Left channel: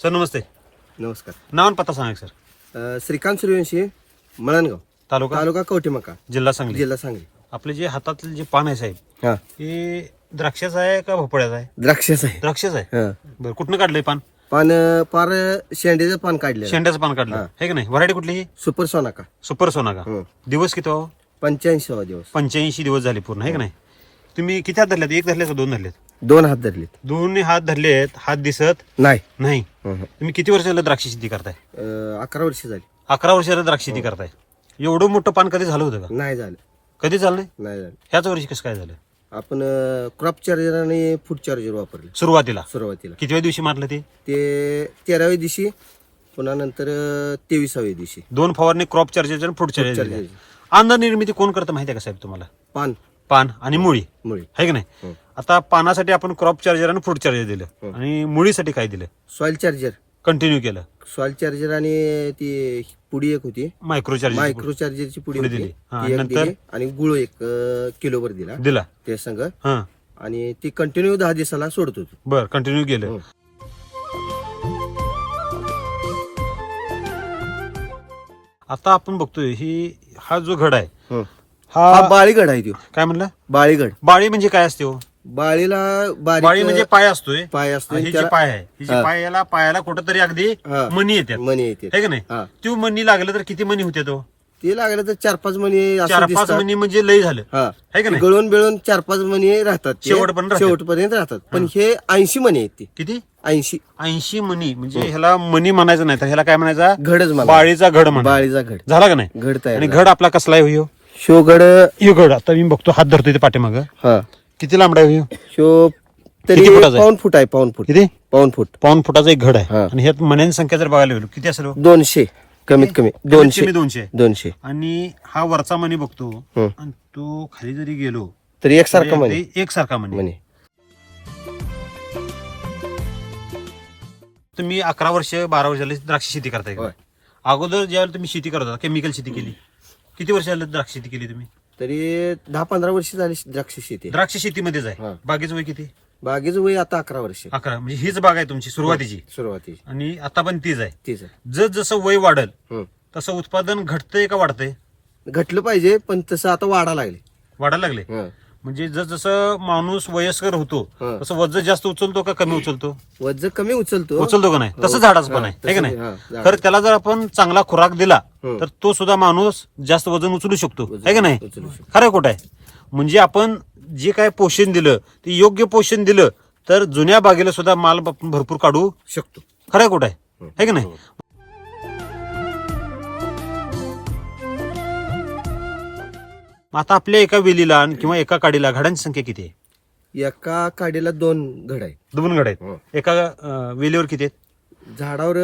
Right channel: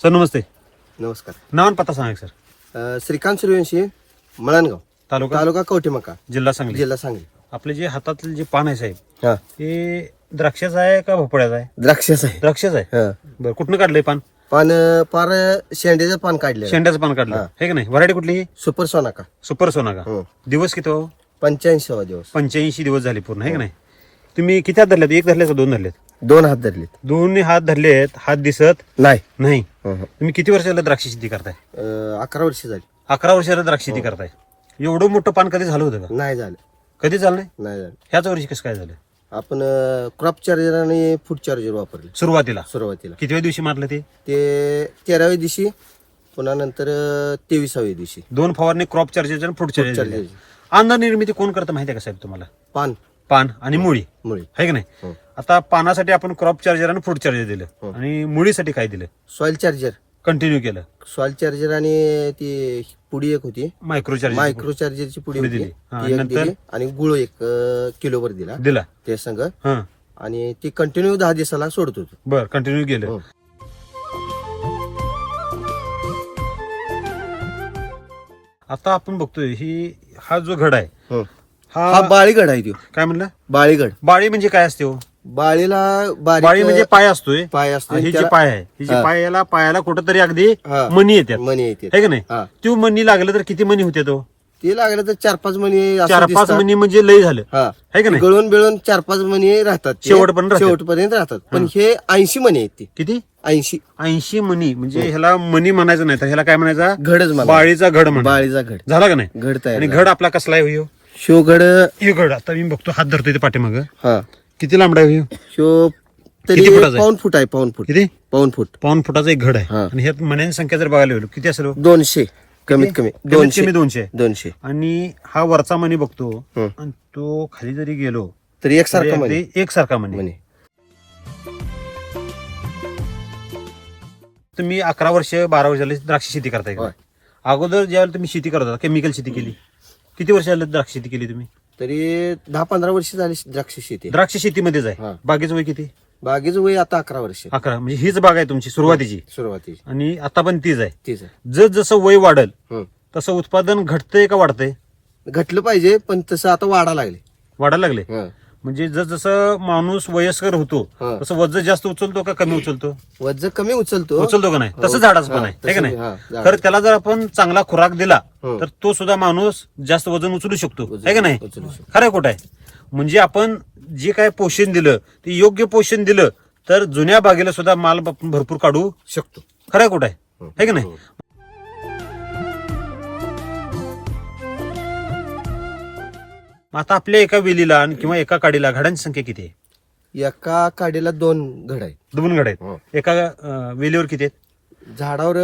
Sir नमस्ते. नमस्कार. नाव आणि पत्ता सांगा सर. श्रीकांत सूर्यवंशी, मळणगाव, तालुका कवठेमका, जिल्हा सांगली. जिल्हा सांगली. आपले जे हातातले जे पान आहे साहेब हा, हे द्राक्षाचं आहे का भोपळ्याचं आहे? द्राक्षाचं आहे. द्राक्षाचं आहे. हा. बरं, कुठनं काढलंय पान? पान पार शेंड्याचं पान काढले. शेंड्याचं पान काढलं हा. हे का नाही? व्हरायटी कुठली? सुपर सोनाका. सुपर सोना का? हं. दिवस किती हो? 85वा दिवस. 85 दिवस झाले पूर्ण आहे का नाही? तुम्ही किती हात धरलेत? एक धरले का दोन धरलेत? 2 हात धरलेत. दोन्ही हात धरलेत, हात दिसत नाही. नाही. हं, हं. तुम्ही किती वर्ष झालं द्राक्ष शेती करताय? 11 वर्ष झाली. 11 वर्ष झालं द्राक्ष शेती करताय. एवढं मोठं पान कधी झालं होतं का? नाही झालं. कधी झालं नाही? नाही झालं. ह्याच वर्षी कसं काय झालं? आपण क्रॉप चार्जर आणि फूड चार्जर वापरले सुरुवातीला सुरुवातीला. कितव्या दिवशी मारलं ते? ते 13व्या दिवशी, पुन्हा नंतर 23व्या दिवशी. 2 फवारणी क्रॉप चार्जर आणि फूड चार्जर. चार्जर. अंदा निर्मिती कोण करतं माहिती आहे का साहेब तुम्हाला? पान पान आणि मुळी मुळी. आहे की नाही? हं. आता पानासाठी आपण क्रॉप चार्जर आणि फूड चार्जर दिलं हं. आणि मुळीसाठी काय दिलं? Soil charger. कंटिन्यू केलं. सॉइल चार्जर आणि ती पुडी एक होती, मायक्रो चार्जर मायक्रो चार्जरची पुडी पुडी होती, दिली. हा, ती एक नंतर? दिली आणि गुळ 1 किलोवर दिला दिला. ते संग. हा, आणि ती कंटिन्यू 10 दिवसाला सोडत होतो. बर, कंटिन्यू गेलं. हं. आता आपण बघतोय हा जो घड आहे हं. हा हा बाळीगड आहे तो. काय म्हणला? बाळीगड. बाळी म्हणजे काय असते हो? बाळीला बाळी बारीक म्हणजे पाय असतोय. पाय असतो. ही जी त्याला- पाय आहे ही जी हा. पायाला कुठंतरी अगदी हा. मणी येतात मणी येते. आहे का नाही? हा. ती मणी लागलं तर किती मणी होते तो? ते लागलं तर 4-5 मणी असं 4-5 दिसतात. मणी म्हणजे लय झालं हा. आहे का नाही? गळून बिळून 4-5 मणी राहतात ते. शेवटपर्यंत राहतात. शेवटपर्यंत राहतात. पण हे 80 मणी आहेत. ते किती? 80 80 मणी म्हणजे ह्याला मणी म्हणायचं नाही तर ह्याला काय म्हणायचा? घडच मला. बाळीचा घड म्हणा. बाळीचा घड. झाला का नाही? घड तयार आणि झाला. घड आपला कसला आहे हो? शो घड. ह्यो घड आता मी बघतो, हात धरतोय ते पाठीमागं. हा. किती लांबडा आहे ह्यो? शो तरी किती फुटाचा आहे? पाऊण फूट आहे. पाऊण फूट. किती? पाऊण फूट. पाऊण फुटाचा एक घड आहे. हा. आणि ह्यात मण्यांची संख्या जर बघायला गेलो किती असेल हो? 200 कमीत कमी. कमीत कमी 200. 200. आणि हा वरचा मणी बघतो हं. आणि तो खाली जरी गेलो तरी एकसारखा तरी मणी. अगदी एकसारखा मणी. मणी. तुम्ही 11 वर्ष 12 वर्ष झाले द्राक्ष शेती करताय का? होय. अगोदर ज्यावेळेला तुम्ही शेती करत होता केमिकल शेती केली, किती वर्ष झाले द्राक्ष शेती केली तुम्ही? तरी 10-15 वर्ष झाली द्राक्ष शेती. द्राक्ष शेतीमध्येच आहे. हा. बागेचं वय किती? बागेचं वय आता 11 वर्ष. 11. म्हणजे हीच बाग आहे तुमची सुरुवातीची सुरुवातीची आणि आता पण तीच आहे. तीच आहे. जसं वय वाढल हं. तसं उत्पादन घटतंय का वाढतंय? घटलं पाहिजे, पण तसं आता वाढा लागले. वाढायला लागले. हं. म्हणजे जसं माणूस वयस्कर होतो हं. तसं वजन जास्त उचलतो का कमी उचलतो? वजन कमी उचलतो. उचलतो का नाही? तसं झाडाचं पण हा, आहे है का तसं- नाही? हा, झाड. तर त्याला जर आपण चांगला खुराक दिला हं. तर तो सुद्धा माणूस जास्त वजन उचलू शकतो उचलू- आहे का नाही? उचलू शकतो. खरं खोटं आहे? म्हणजे आपण जे काय पोषण दिलं ते योग्य पोषण दिलं तर जुन्या बागेला सुद्धा माल आपण भरपूर काढू शकतो. खरं खोटं आहे हं. है का नाही? हं. आता आपल्या एका वेलीला किंवा एका काडीला घडांची संख्या किती आहे? एका काडीला 2 घड आहे. 2 घड आहेत. हं. एका वेलीवर किती आहेत? झाडावर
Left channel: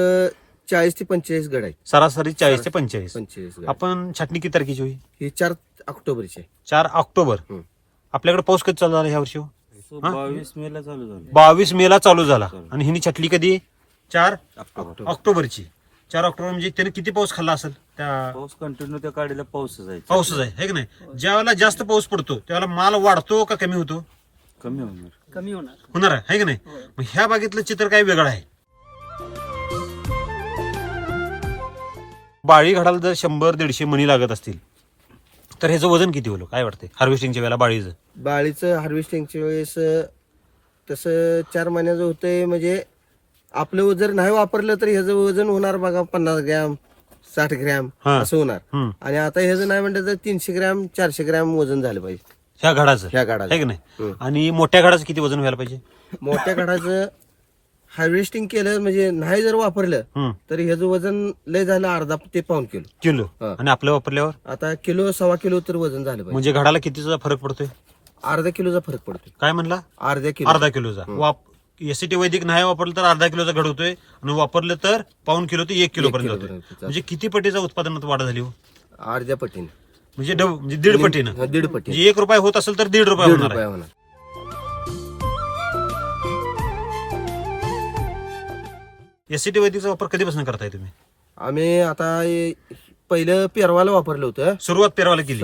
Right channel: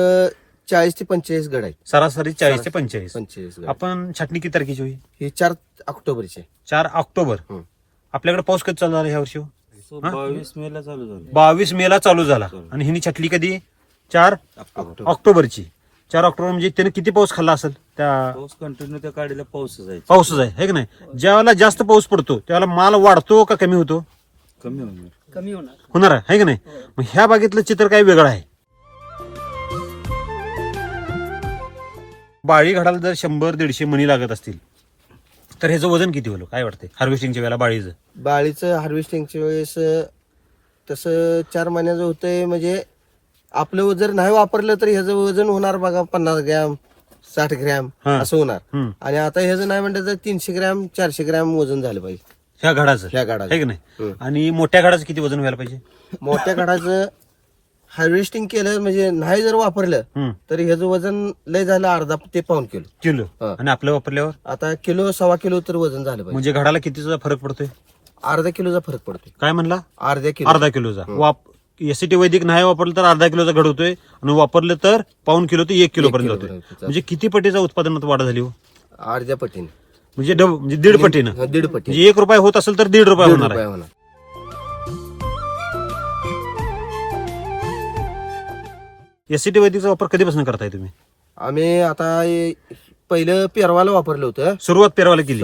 40 ते 45 घड आहे. सरासरी 40 ते 45. 45 घड. आपण छाटणी किती तारखेची होई? हे 4 ऑक्टोबरचे. 4 ऑक्टोबर. हं. आपल्याकडे पाऊस कधी चालू झाला ह्या वर्षी? 22 मे ला चालू झालं. 22 मे ला चालू झाला आणि हिने छटली कधी? 4 ऑक्टोबरची. 4 ऑक्टोबर म्हणजे त्याने किती पाऊस खाल्ला असेल? त्या पाऊस कंटिन्यू त्या काडीला पाऊसच आहे. पाऊसच आहे है की नाही? ज्यावेळेला जास्त पाऊस पडतो त्यावेळेला माल वाढतो का कमी होतो? कमी होणार. होणार आहे की नाही? मग ह्या बागेतलं चित्र काय वेगळं आहे. बाळी घडाला जर 100-150 मणी लागत असतील तर ह्याचं वजन किती होईल काय वाटतंय हार्वेस्टिंगच्या वेळेला बाळीचं? बाळीचं हार्वेस्टिंगच्या वेळेस तसं 4 महिन्याचं होतंय. म्हणजे आपलं जर नाही वापरलं तर ह्याचं वजन होणार बघा 50 ग्रॅम 60 ग्रॅम हा. असं होणार. हम्म. आणि आता ह्याचं नाही म्हणलं तर 300 ग्रॅम 400 ग्रॅम वजन झालं पाहिजे ह्या घडाचं ह्या आहे गाडाचं. की नाही? हं. आणि मोठ्या घडाचं किती वजन व्हायला पाहिजे? मोठ्या गाडाचं हार्वेस्टिंग केलं म्हणजे नाही जर वापरलं हं. तर ह्याचं वजन लय झालं अर्धा ते पाऊण किलो. किलो. हा. आणि आपल्या वापरल्यावर आता किलो 1.25 किलो तर वजन झालं पाहिजे. म्हणजे घडाला कितीचा फरक पडतोय? अर्धा किलोचा फरक पडतोय. काय म्हणला? अर्धा किलो. अर्धा किलोचा. एसीटी वैदिक नाही वापरलं तर अर्धा किलोचा घड होतोय आणि वापरलं तर पाऊण किलो ते 1 किलो पर्यंत किलो होतोय. पर्यंत. म्हणजे किती पटीचा उत्पादनात वाढ झाली हो? अर्ध्या पटीने. म्हणजे म्हणजे 1.5 पटीनं. हा, 1.5 पटी. म्हणजे 1 रुपये होत असेल तर 1.5 रुपये 1.5 होणार रुपये आहे. होणार. एसीटी वैदिकचा वापर कधीपासून करताय तुम्ही? आम्ही आता पहिलं पेरवाला वापरलं होतं. सुरुवात पेरवाला केली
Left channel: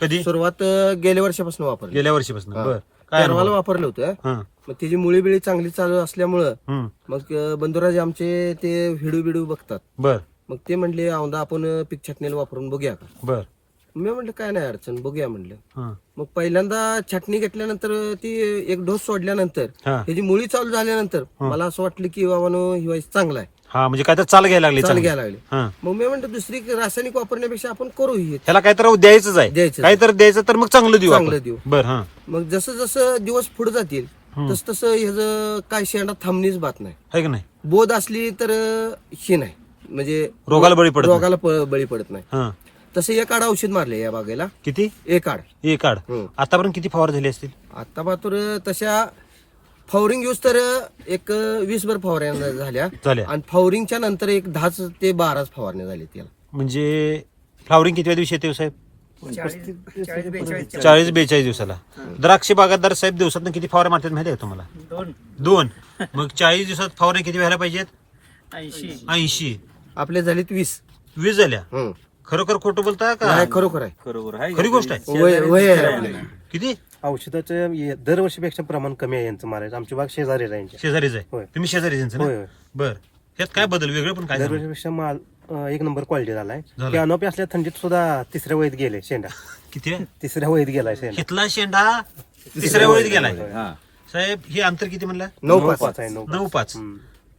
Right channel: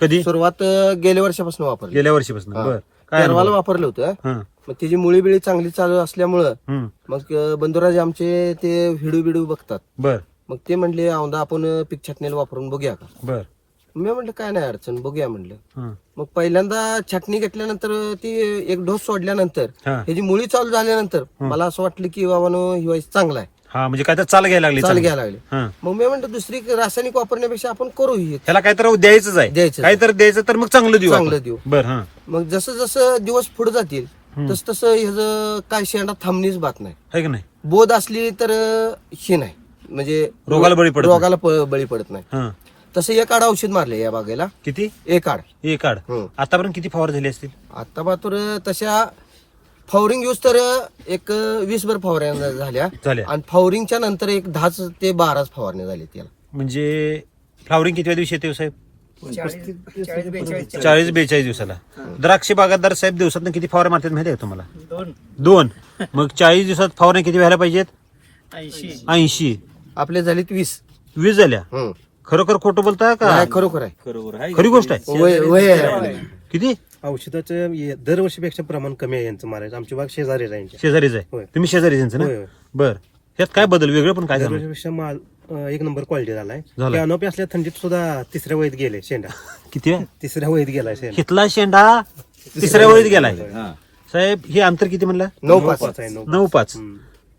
कधी? सुरुवात गेल्या वर्षापासून वापरली. गेल्या वर्षीपासून. हा. बरं. काय पेरवाला अनुभव? वापरलं होतं. हं. मग त्याची मुळी बिळी चांगली चालू असल्यामुळं हम्म. मग बंधुराज आमचे ते व्हिडिओ बिडिओ बघतात. बर मग ते म्हणले औंधा आपण पीक छाटणीला वापरून बघूया का. बर मी म्हटलं काय नाही अडचण, बघूया म्हणलं. हं. मग पहिल्यांदा छाटणी घेतल्यानंतर ती एक डोस सोडल्यानंतर हा ह्याची मुळी चालू झाल्यानंतर मला असं वाटलं की बाबानो ही वाईस चांगला आहे, हा म्हणजे काय तर चाल घ्यायला लागली चाल चांगली. घ्यायला लागले. हं. मग मी म्हणतो दुसरी रासायनिक वापरण्यापेक्षा आपण करू ही ह्याला काहीतरी द्यायचंच आहे, द्यायचं. काहीतरी द्यायचं तर मग चांगलं देऊ चांगलं आपण. देऊ. बर हा मग जसं जसं दिवस पुढे जातील तस तसं ह्याचं काय शेंडा थांबणीच बात नाही. आहे की नाही. बोध असली तर ही नाही, म्हणजे रोगाला बळी पडत नाही. रोगाला बळी पडत नाही. हं. तसं एक आड औषध मारले या बागेला, किती एक आड. एक आड हं. आतापर्यंत किती फवार झाली असतील. आता मात्र तशा फावरिंग यूज तर एक 20 फवारण्या झाल्या झाल्या आणि फावरिंगच्या नंतर एक 10 ते 12 फवारण्या झाल्या त्याला. म्हणजे फ्लावरिंग किती दिवशी येते हो साहेब. 40-42 40-42 दिवसाला. द्राक्ष बागायतदार साहेब दिवसात किती फवारे मारतात माहिती आहे का तुम्हाला. 2. मग 40 दिवसात फवारण्या किती व्हायला पाहिजेत. 80. आपले झालेत 20. 20 झाल्या. हं. खरोखर खोटं बोलता का. नाही, खरोखर आहे. बरोबर आहे. खरी गोष्ट आहे. वय आहे आपले. किती औषधाचं दरवर्षीपेक्षा प्रमाण कमी आहे यांचं मारायचं. आमची बाग शेजारी राहायची. शेजारीच आहे. होय. तुम्ही शेजारीच यांचं होय, ना. होय. बर यात काय बदल वेगळं पण काय झालं. दरवर्षीपेक्षा माल एक नंबर क्वालिटी झालाय. झालाय. कॅनोपी असल्या थंडीत सुद्धा तिसऱ्या वहीत गेले शेंडा. किती आहे? तिसऱ्या वहीत गेलाय शेंडा. हितला शेंडा तिसऱ्या वेळेत गेलाय. हा. साहेब हे अंतर किती म्हणलं. 9-5 आहे 9. 9-5.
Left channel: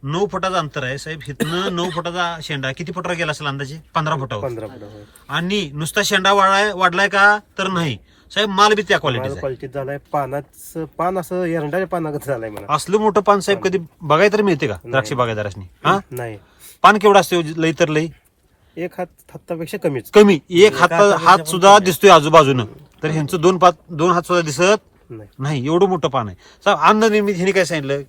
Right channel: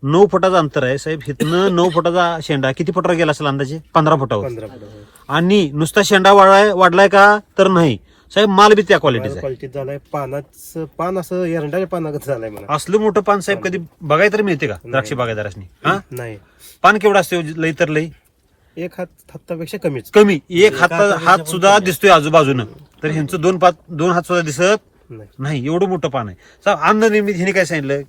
9 फुटाचं अंतर आहे साहेब. हितनं 9 फुटाचा शेंडा किती फुटावर गेला असेल अंदाजे. 15 फुटावर. 15 फुट होय. आणि नुसता शेंडा वाढलाय का तर नाही साहेब. माल बी त्या क्वालिटीचा आहे. क्वालिटीत झालाय. पानाचं पान असं एरंडारे पानागत झालाय मला. असलं मोठं पान साहेब कधी बघायला तर मिळते का द्राक्ष बागायदारांनी. हा नाही, पान केवढं असते लई तर लई एक हातापेक्षा कमीच. कमी. एक हात सुद्धा दिसतोय आजूबाजूनं. तर ह्यांचं 2 हात सुद्धा दिसत नाही. नाही. एवढं मोठं पान आहे साहेब. अन्न निर्मिती ह्याने काय सांगितलं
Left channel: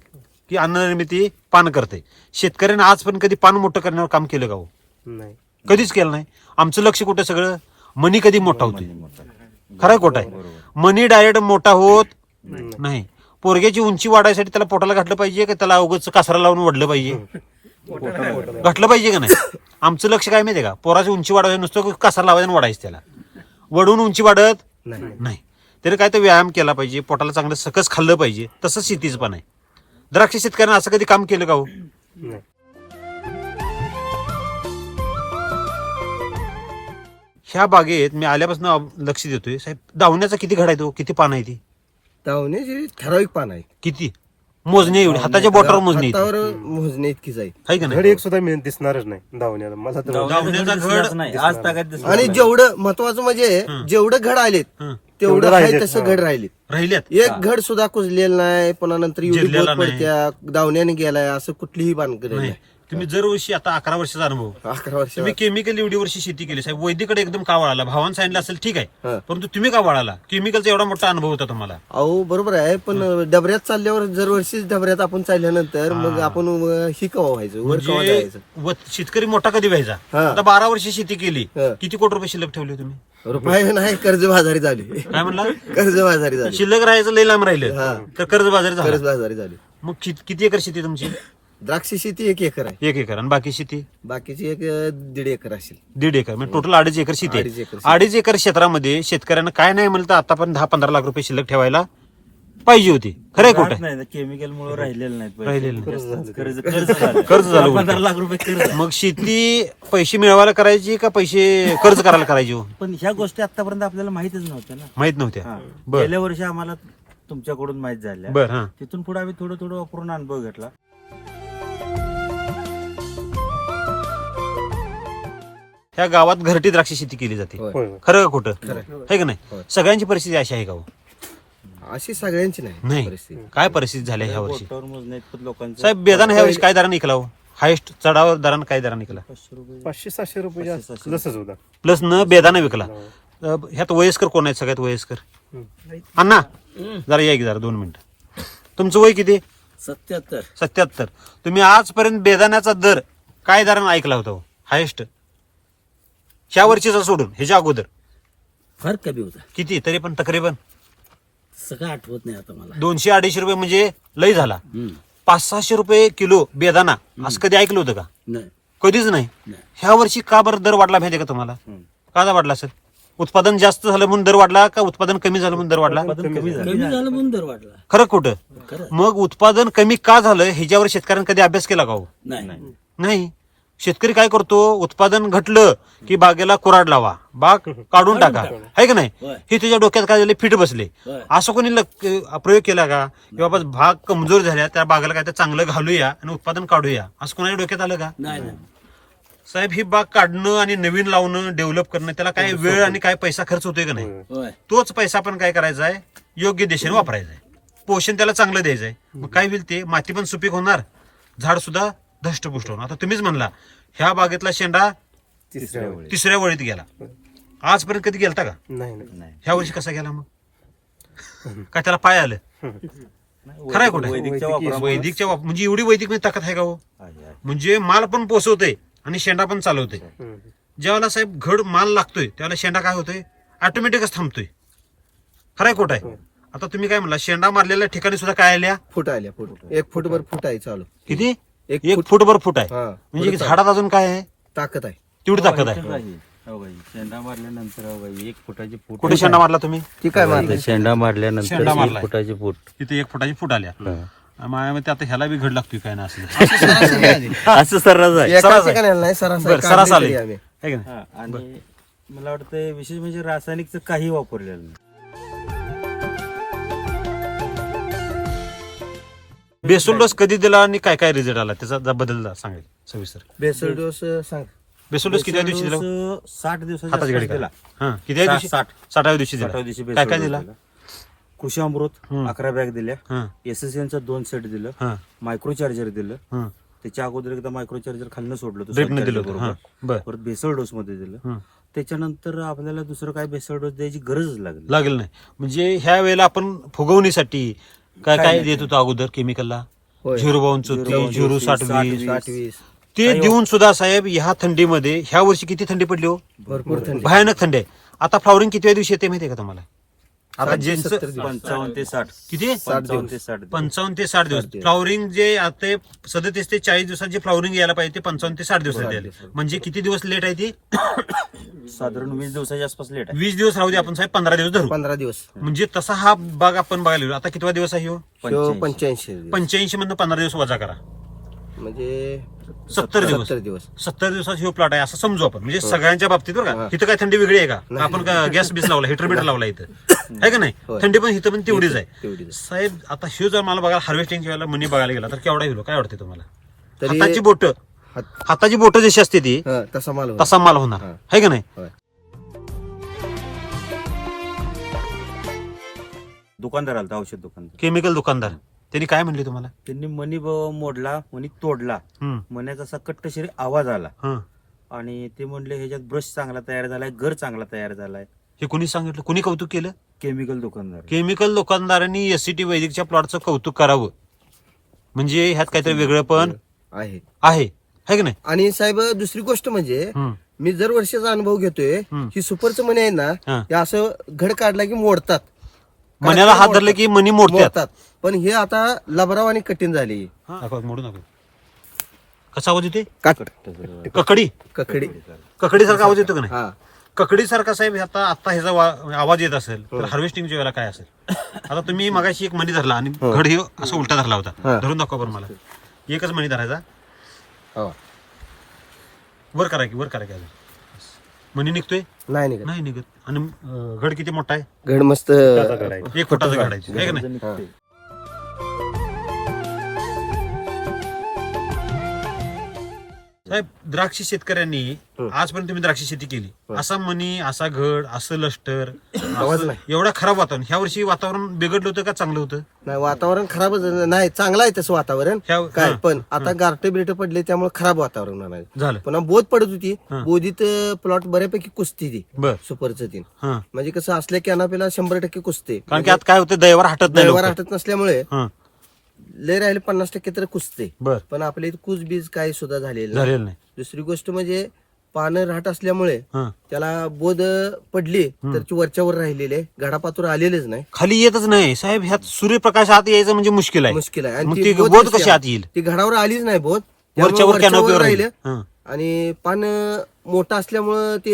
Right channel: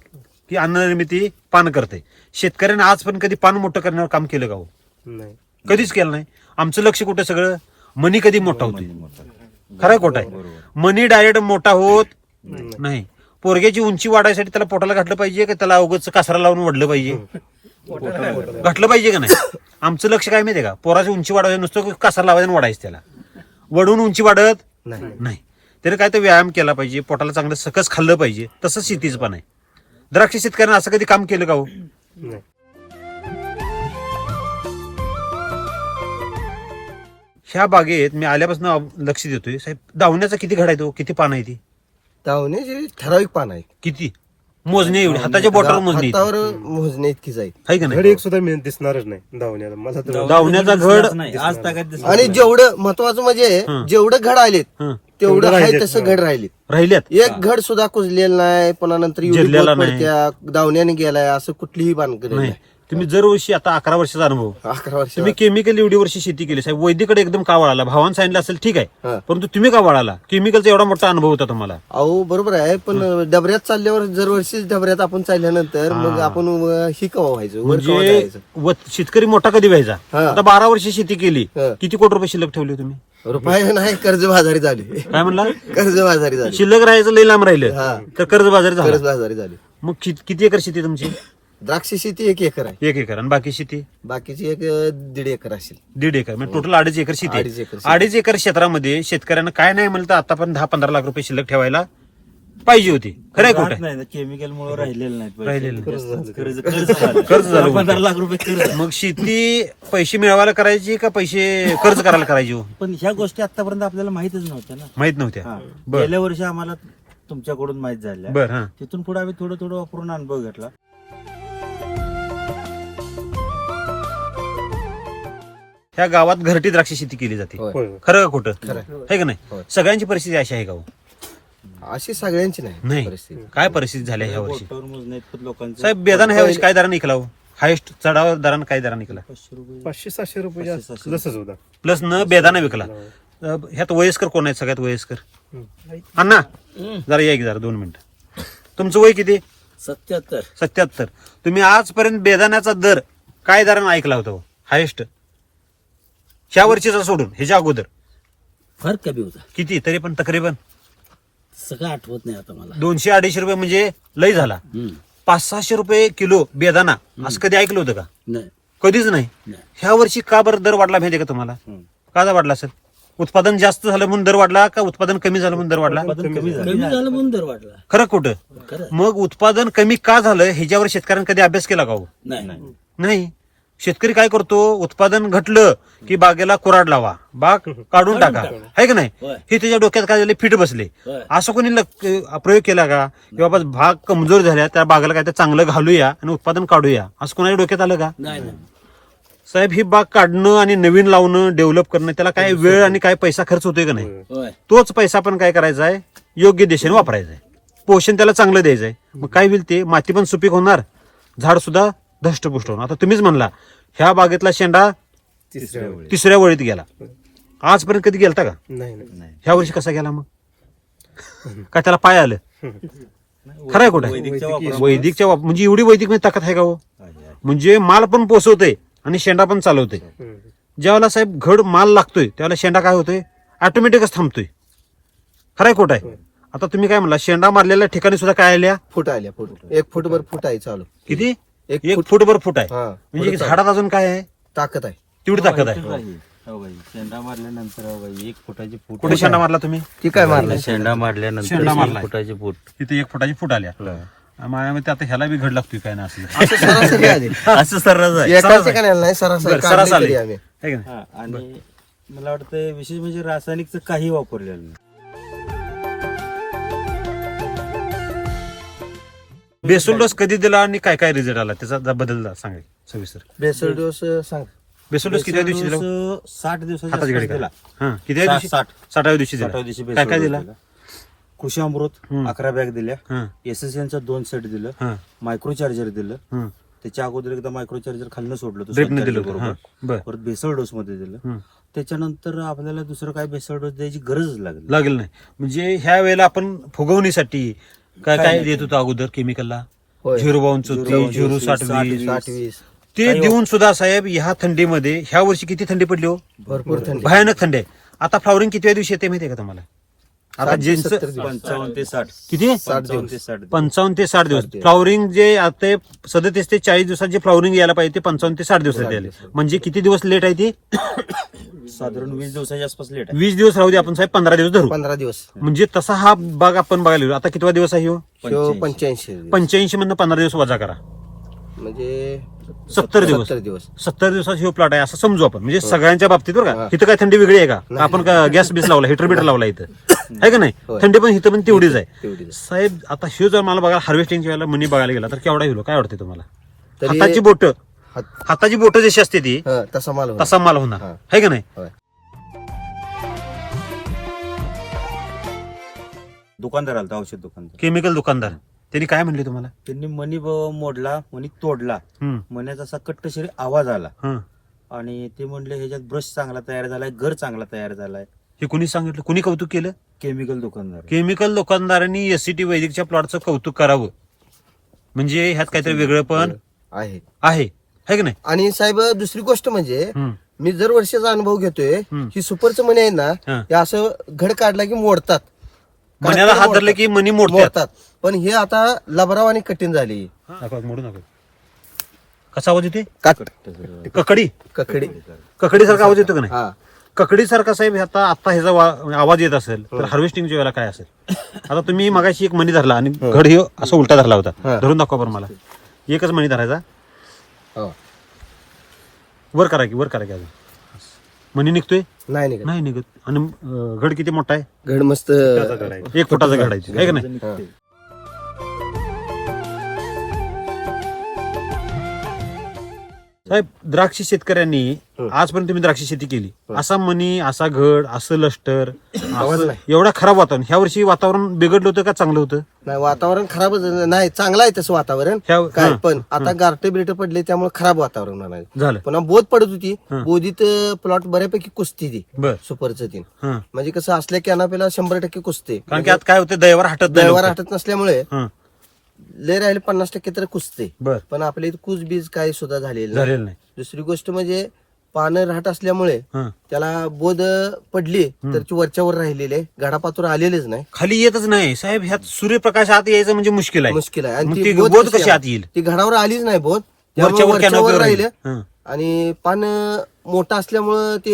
की अन्न निर्मिती पान करते. शेतकऱ्याने आज पण कधी पान मोठं करण्यावर काम केलं का हो. नाही. कधीच केलं नाही. आमचं लक्ष कुठं सगळं मनी कधी मोठा होतो. खरं खोटं आहे. मनी डायरेक्ट मोठा होत नाही. पोरग्याची उंची वाढायसाठी त्याला पोटाला घातलं पाहिजे का त्याला अवघच कासरा लावून वडलं पाहिजे. घातलं पाहिजे का नाही. आमचं लक्ष काय माहितीये का पोराची उंची वाढवायचं नुसतं कासरा लावायचं वाढायचं त्याला. वडून उंची वाढत नाही. तरी काय तर व्यायाम केला पाहिजे. पोटाला चांगलं सकस खाल्लं पाहिजे. तसंच शेतीच पण आहे. द्राक्ष शेतकऱ्यांना असं कधी काम केलं का हो. नाही. ह्या बागेत मी आल्यापासून लक्ष देतोय साहेब. दावण्याचा किती घड आहे तो. किती पान आहे ती. धावण्याची ठराविक पान आहे. किती मोजणी एवढी हाताच्या बोटावर मोजणी हातावर मोजणे इतकीच आहे. आहे का घड नाही. एक सुद्धा दिसणारच नाही धावण्याला. मला तर धावण्याचा घड नाही आज ताकद दिसणार आणि नाही. जेवढं महत्वाचं म्हणजे जेवढं घड आलेत हं. तेवढं आहे तसं घड राहिलेत. राहिल्यात. एक घड सुद्धा कुजलेलं नाही. पुन्हा नंतर एवढी जिरलेला बोध नाही. पडत्या, दावण्याने गेलाय असं कुठलीही बांधकड नाही. नाही. तुम्ही जरवर्षी आता 11 वर्षाचा अनुभव. 11 वर्ष तुम्ही केमिकल एवढी वर्षी शेती केली साहेब. वैदिकडे एकदम का वळाला. भावानं सांगितलं असेल ठीक आहे. हा. परंतु तुम्ही का वळाला. केमिकलचा एवढा मोठा अनुभव होता तुम्हाला. अहो बरोबर आहे, पण डबऱ्यात चालल्यावर दरवर्षी डबऱ्यात आपण चालल्यानंतर मग आपण ही कवा व्हायचं वर कवा म्हणजे जायचं. शेतकरी मोठा कधी व्हायचा. हा. आता 12 वर्षी शेती केली. हा. किती कोटी रुपये शिल्लक ठेवले तुम्ही. रुपये नाही, कर्जबाजारी झाली. काय म्हणला. कर्जबाजारी झाली. शिल्लक राहायचं लई लांब राहिलं हा. तर कर्जबाजारी झालं. कर्जबाजारी झाली. मग किती एकर शेती तुमची. द्राक्ष शेती 1 एकर आहे. 1 एकर. आणि बाकी शेती बाकीची 1.5 एकर असेल. 1.5 एकर. म्हणजे टोटल 2.5 एकर शेती 2.5 एकर शेती. 2.5 एकर क्षेत्रामध्ये शेतकऱ्यांना काय नाही म्हणलं तर आता पण 10-15 लाख रुपये शिल्लक ठेवायला पाहिजे होती. खरंय राहत खोटं. नाही ना केमिकल मुळे राहिलेलं नाही पैसे. राहिलेलं कर्ज झालं. 15 लाख रुपये कर्ज. मग शेती पैसे मिळवायला करायची का पैसे कर्ज करायला करायची हो? पण ह्या गोष्टी आतापर्यंत आपल्याला माहितच नव्हत्या ना. माहित नव्हत्या. हा. बर. गेल्या वर्षी आम्हाला तुमच्याकडून माहित झाल्या. बर. हा. तिथून पुढे आम्ही थोडं थोडं वापरून अनुभव घेतला. ह्या गावात घरटी द्राक्ष शेती केली जाते. होय. होय. खरं का खोटं. खरं. आहे का नाही. होय. सगळ्यांची परिस्थिती अशी आहे का हो? अशी सगळ्यांची नाही नाही. परिस्थिती. काय परिस्थिती झाली ह्या वर्षी बोटावर मोजण्या इतपत लोकांचं साहेब. बेदान ह्या वर्षी काय दराने निघाला हो. हायेस्ट चढाव दरानं काय दराने निघाला. 500-700 रुपये जास्त जसंच होता. प्लस न बेदाने विकला. ह्यात वयस्कर कोण आहेत सगळ्यात वयस्कर. अण्णा जरा या की जरा 2 मिनिटं. तुमचं वय किती. 77. तुम्ही आजपर्यंत बेदाण्याचा दर काय दरानं ऐकला होता हो? हायेस्ट ह्या वर्षीचा सोडून ह्याच्या अगोदर फार कमी होता. किती तरी पण तकरीबन सगळं आठवत नाही आता मला. 200-250 रुपये म्हणजे लय झाला. 500-600 रुपये किलो बेदाना असं कधी ऐकलं होतं का. नाही कधीच नाही. नाही. ह्या वर्षी का बरं दर वाढला माहितीये का तुम्हाला. का वाढला सर. उत्पादन जास्त झालं म्हणून दर वाढला का उत्पादन कमी झालं म्हणून दर वाढला? उत्पादन कमी झालं. कमी झालं म्हणून दर वाढला. खरं कुठं? खरं मग उत्पादन कमी का झालं ह्याच्यावर शेतकऱ्यांनी कधी अभ्यास केला का हो? नाही नाही. शेतकरी काय करतो, उत्पादन घटलं की बागेला कुऱ्हाड लावा, बाग काढून टाका, आहे का नाही? होय. हे त्याच्या डोक्यात काय झाले, फिट बसले. होय. असं कोणी प्रयोग केला का की बाबा भाग कमजोर झाल्या त्या बागेला काय चांगलं घालूया आणि उत्पादन काढूया, असं कोणाच्या डोक्यात आलं का? नाही साहेब, ही बाग काढणं आणि नवीन लावणं, डेव्हलप करणं, त्याला काय वेळ आणि काय पैसा खर्च होतोय का नाही? होय. तोच पैसा आपण काय करायचा आहे, योग्य दिशेने वापरायचा आहे. पोषण त्याला चांगलं द्यायचं आहे. मग काय होईल, ते माती पण सुपीक होणार, झाड सुद्धा धष्टपुष्ट होणार. आता तुम्हीच म्हणला ह्या बागेतला शेंडा तिसऱ्या वळीत गेला. आजपर्यंत कधी गेलता का? नाही. ह्या वर्षी कसा गेला मग? का त्याला पाय आलं? खरं आहे कुठे? वैदिकच्या म्हणजे एवढी वैदिक मध्ये ताकद आहे का हो? म्हणजे माल पण पोचवतोय आणि शेंडा पण चालवतोय. ज्यावेळेला साहेब घड माल लागतोय त्यावेळेला शेंडा काय होतोय, ऑटोमॅटिकच थांबतोय. खरंय खोट आहे? आता तुम्ही काय म्हणला, शेंडा मारलेल्या ठिकाणी सुद्धा काय आल्या? फूट आल्या, फूट 1 फूटभर फूट आहे चालू. किती? एक 1 फूटभर फूट आहे. हा, म्हणजे पुढं झाडात अजून काय आहे? ताकद आहे. तेवढी ताकद आहे. शेंडा मारल्यानंतर 1 फुटाची फूट. कुठे शेंडा मारला तुम्ही? ती काय मारली? शेंडा मारल्यानंतर शेंडा मारलाय. 1 फुटाची फूट. तिथे 1 फुटाची फूट आल्या. माझ्यामध्ये आता ह्याला बी घड लागतोय काय ना असं. सरासरी आली. असं सर्रास आहे. एका सरास आहे. ठिकाणी नाही, सरासरी बरं, सरास काढली आली. तरी आम्ही. आहे का नाही? हा, आणि मला वाटतं विशेष म्हणजे रासायनिकचं काही वापरलेलं नाही. बेसल डोस कधी दिला आणि काय काय रिझल्ट आला त्याचा बदल सांगा सविस्तर. बेसल डोस सांग. बेसल डोस किती दिवशी दिला? 60 दिवसाचा हाताची घडी दिला. हा, किती दिवशी? 60व्या दिवशी दिला. 60व्या दिवशी काय काय दिला? कृषी अमृत 11 बॅग दिल्या. हा, एसएसएनचा 2 सेट दिलं. हा, मायक्रो चार्जर दिलं. हा. त्याच्या अगोदर एकदा मायक्रो चार्जर खाल्लं सोडलं होतं ड्रिपने स्वतःच्या दिलं होतं. बरोबर. हा, बर. परत बेसल डोस मध्ये दिलं. हं. त्याच्यानंतर आपल्याला दुसरं काय बेसल डोस द्यायची गरजच लागली. लागेल नाही. म्हणजे ह्या वेळेला आपण फुगवणीसाठी काय काय देत होतो अगोदर केमिकलला? होय. 052 0 60 20 60-20 ते देऊन सुद्धा साहेब ह्या थंडीमध्ये ह्या वर्षी किती थंडी पडली हो? भरपूर थंडी. भयानक थंडी आहे. आता फ्लॉवरिंग किती दिवशी येते माहितीये का तुम्हाला? आता 60 ते ज्यांचं 70 दिवस. 55 ते 60. किती? 55 ते 60. 55 ते 60 दिवस. 60 दिवस. फ्लॉवरिंग जे आता 37 ते 40 दिवसात जे फ्लॉवरिंग यायला पाहिजे ते 55 ते 60 दिवसात यायला. म्हणजे किती दिवस लेट आहे ती? साधारण 20 दिवसाच्या आसपास लेट आहे. 20 दिवस राहू दे आपण साहेब, 15 दिवस धरू. 15 दिवस. म्हणजे तसा हा बाग आपण बघायला गेलो. आता कितवा दिवस आहे हो? 85 दिवस. 85 मधनं 15 दिवस वजा करा, म्हणजे 70 दिवस. 70 दिवस. 70 दिवसात हे प्लॉट आहे असं समजू आपण. म्हणजे सगळ्यांच्या बाबतीत बरं का. हा. इथं काय थंडी वेगळी आहे का? आपण गॅस बीस लावला, हिटर बिटर लावला इथं, आहे का नाही? होय. थंडी पण इथं पण तेवढीच आहे. तेवढीच. साहेब आता हे जर मला बघायला हार्वेस्टिंगच्या वेळेला मनी बघायला गेला तर केवढा होईल? काय वाटते तुम्हाला? तरी हाताची बोट, हात- हाताची बोट जशी असते ती हा, तसा माल होता. तसा माल होणार, हा. आहे का नाही? होय. दुकानदार आलता, औषध दुकानदार. केमिकल दुकानदार त्यांनी काय म्हणले तुम्हाला? त्यांनी मनी मोडला, मनी तोडला. हम्म, मण्याचा असा कट्टशिरी आवाज आला हं. आणि ते म्हणले ह्याच्यात ब्रश चांगला तयार झालाय, घर चांगला तयार झालाय. हे कुणी सांगितलं? कुणी कौतुक केलं? केमिकल दुकानदार. केमिकल दुकानदारांनी एससीटी वैदिकच्या प्लॉटचं कौतुक करावं. म्हणजे ह्यात काहीतरी वेगळं पण आहे. आहे की नाही? आणि साहेब दुसरी गोष्ट म्हणजे हं, मी दर वर्षाचा अनुभव घेतोय. हं. ही सुपरचं मणी आहे ना, हं. हे असं घड काढला की मोडतात. मण्याला हात धरले की मनी मोडतात. मोडतात. पण हे आता लबराव आणि कठीण झाली. दाखवा, मोडू नका. कसा आवाज येते? काट ककडी कखडी. ककडी सारखा आवाज येतो का नाही? हा. ककडी सारखा साहेब आता ह्याचा आवाज येत असेल तर हार्वेस्टिंगच्या वेळेला काय असेल? आता तुम्ही मगाशी एक मणी धरला आणि घड हे असं उलटा धरला होता. हा. धरून दाखवा बरं मला. एकच मणी धरायचा, हो. वर करा की अजून. मणी निघतोय? नाही नाही नाही निघत. आणि घड किती मोठा आहे? घड मस्त. 1 फुटाचा घडायची, आहे का नाही? हा. साहेब द्राक्ष शेतकऱ्यांनी आजपर्यंत तुम्ही द्राक्ष शेती केली, असा मणी, असा घड, असं लष्टर, असं एवढा खराब वातावरण. ह्या वर्षी वातावरण बिघडलं होतं का चांगलं होतं? नाही, वातावरण खराब नाही, चांगलं आहे तसं वातावरण. काय पण आता गारटे बिरटे पडले त्यामुळे खराब वातावरण नाही झालं. पुन्हा बोध पडत होती. बोधीत प्लॉट बऱ्यापैकी कुस्ती ती बर. सुपरचं तीन. हं. म्हणजे कसं असल्या कॅनापेला 100% कुस्ते. कारण की आता काय होतं, दैवार हटत नाही दैवार लवकर. हटत नसल्यामुळे हं. लय राहिले 50% तर कुस्ते. बर. पण आपल्या इथे कुस बीज काही सुद्धा झालेलं नाही. झालेलं नाही. दुसरी गोष्ट म्हणजे पानं राहत असल्यामुळे हं. त्याला बोध पडली तर ती वरच्यावर राहिलेले, गाडापातूर आलेलेच नाही. खाली येतच नाही साहेब. ह्यात सूर्यप्रकाश आत यायचं म्हणजे मुश्किल आहे. मुश्किल आहे. मग आणि ती ती बोध बोध कशी कशी आत येईल? ती घडावर आलीच नाही बोध, त्यामुळे वरच्यावर वरच्यावर canopy राहिले हं. आणि पान मोठं असल्यामुळं ते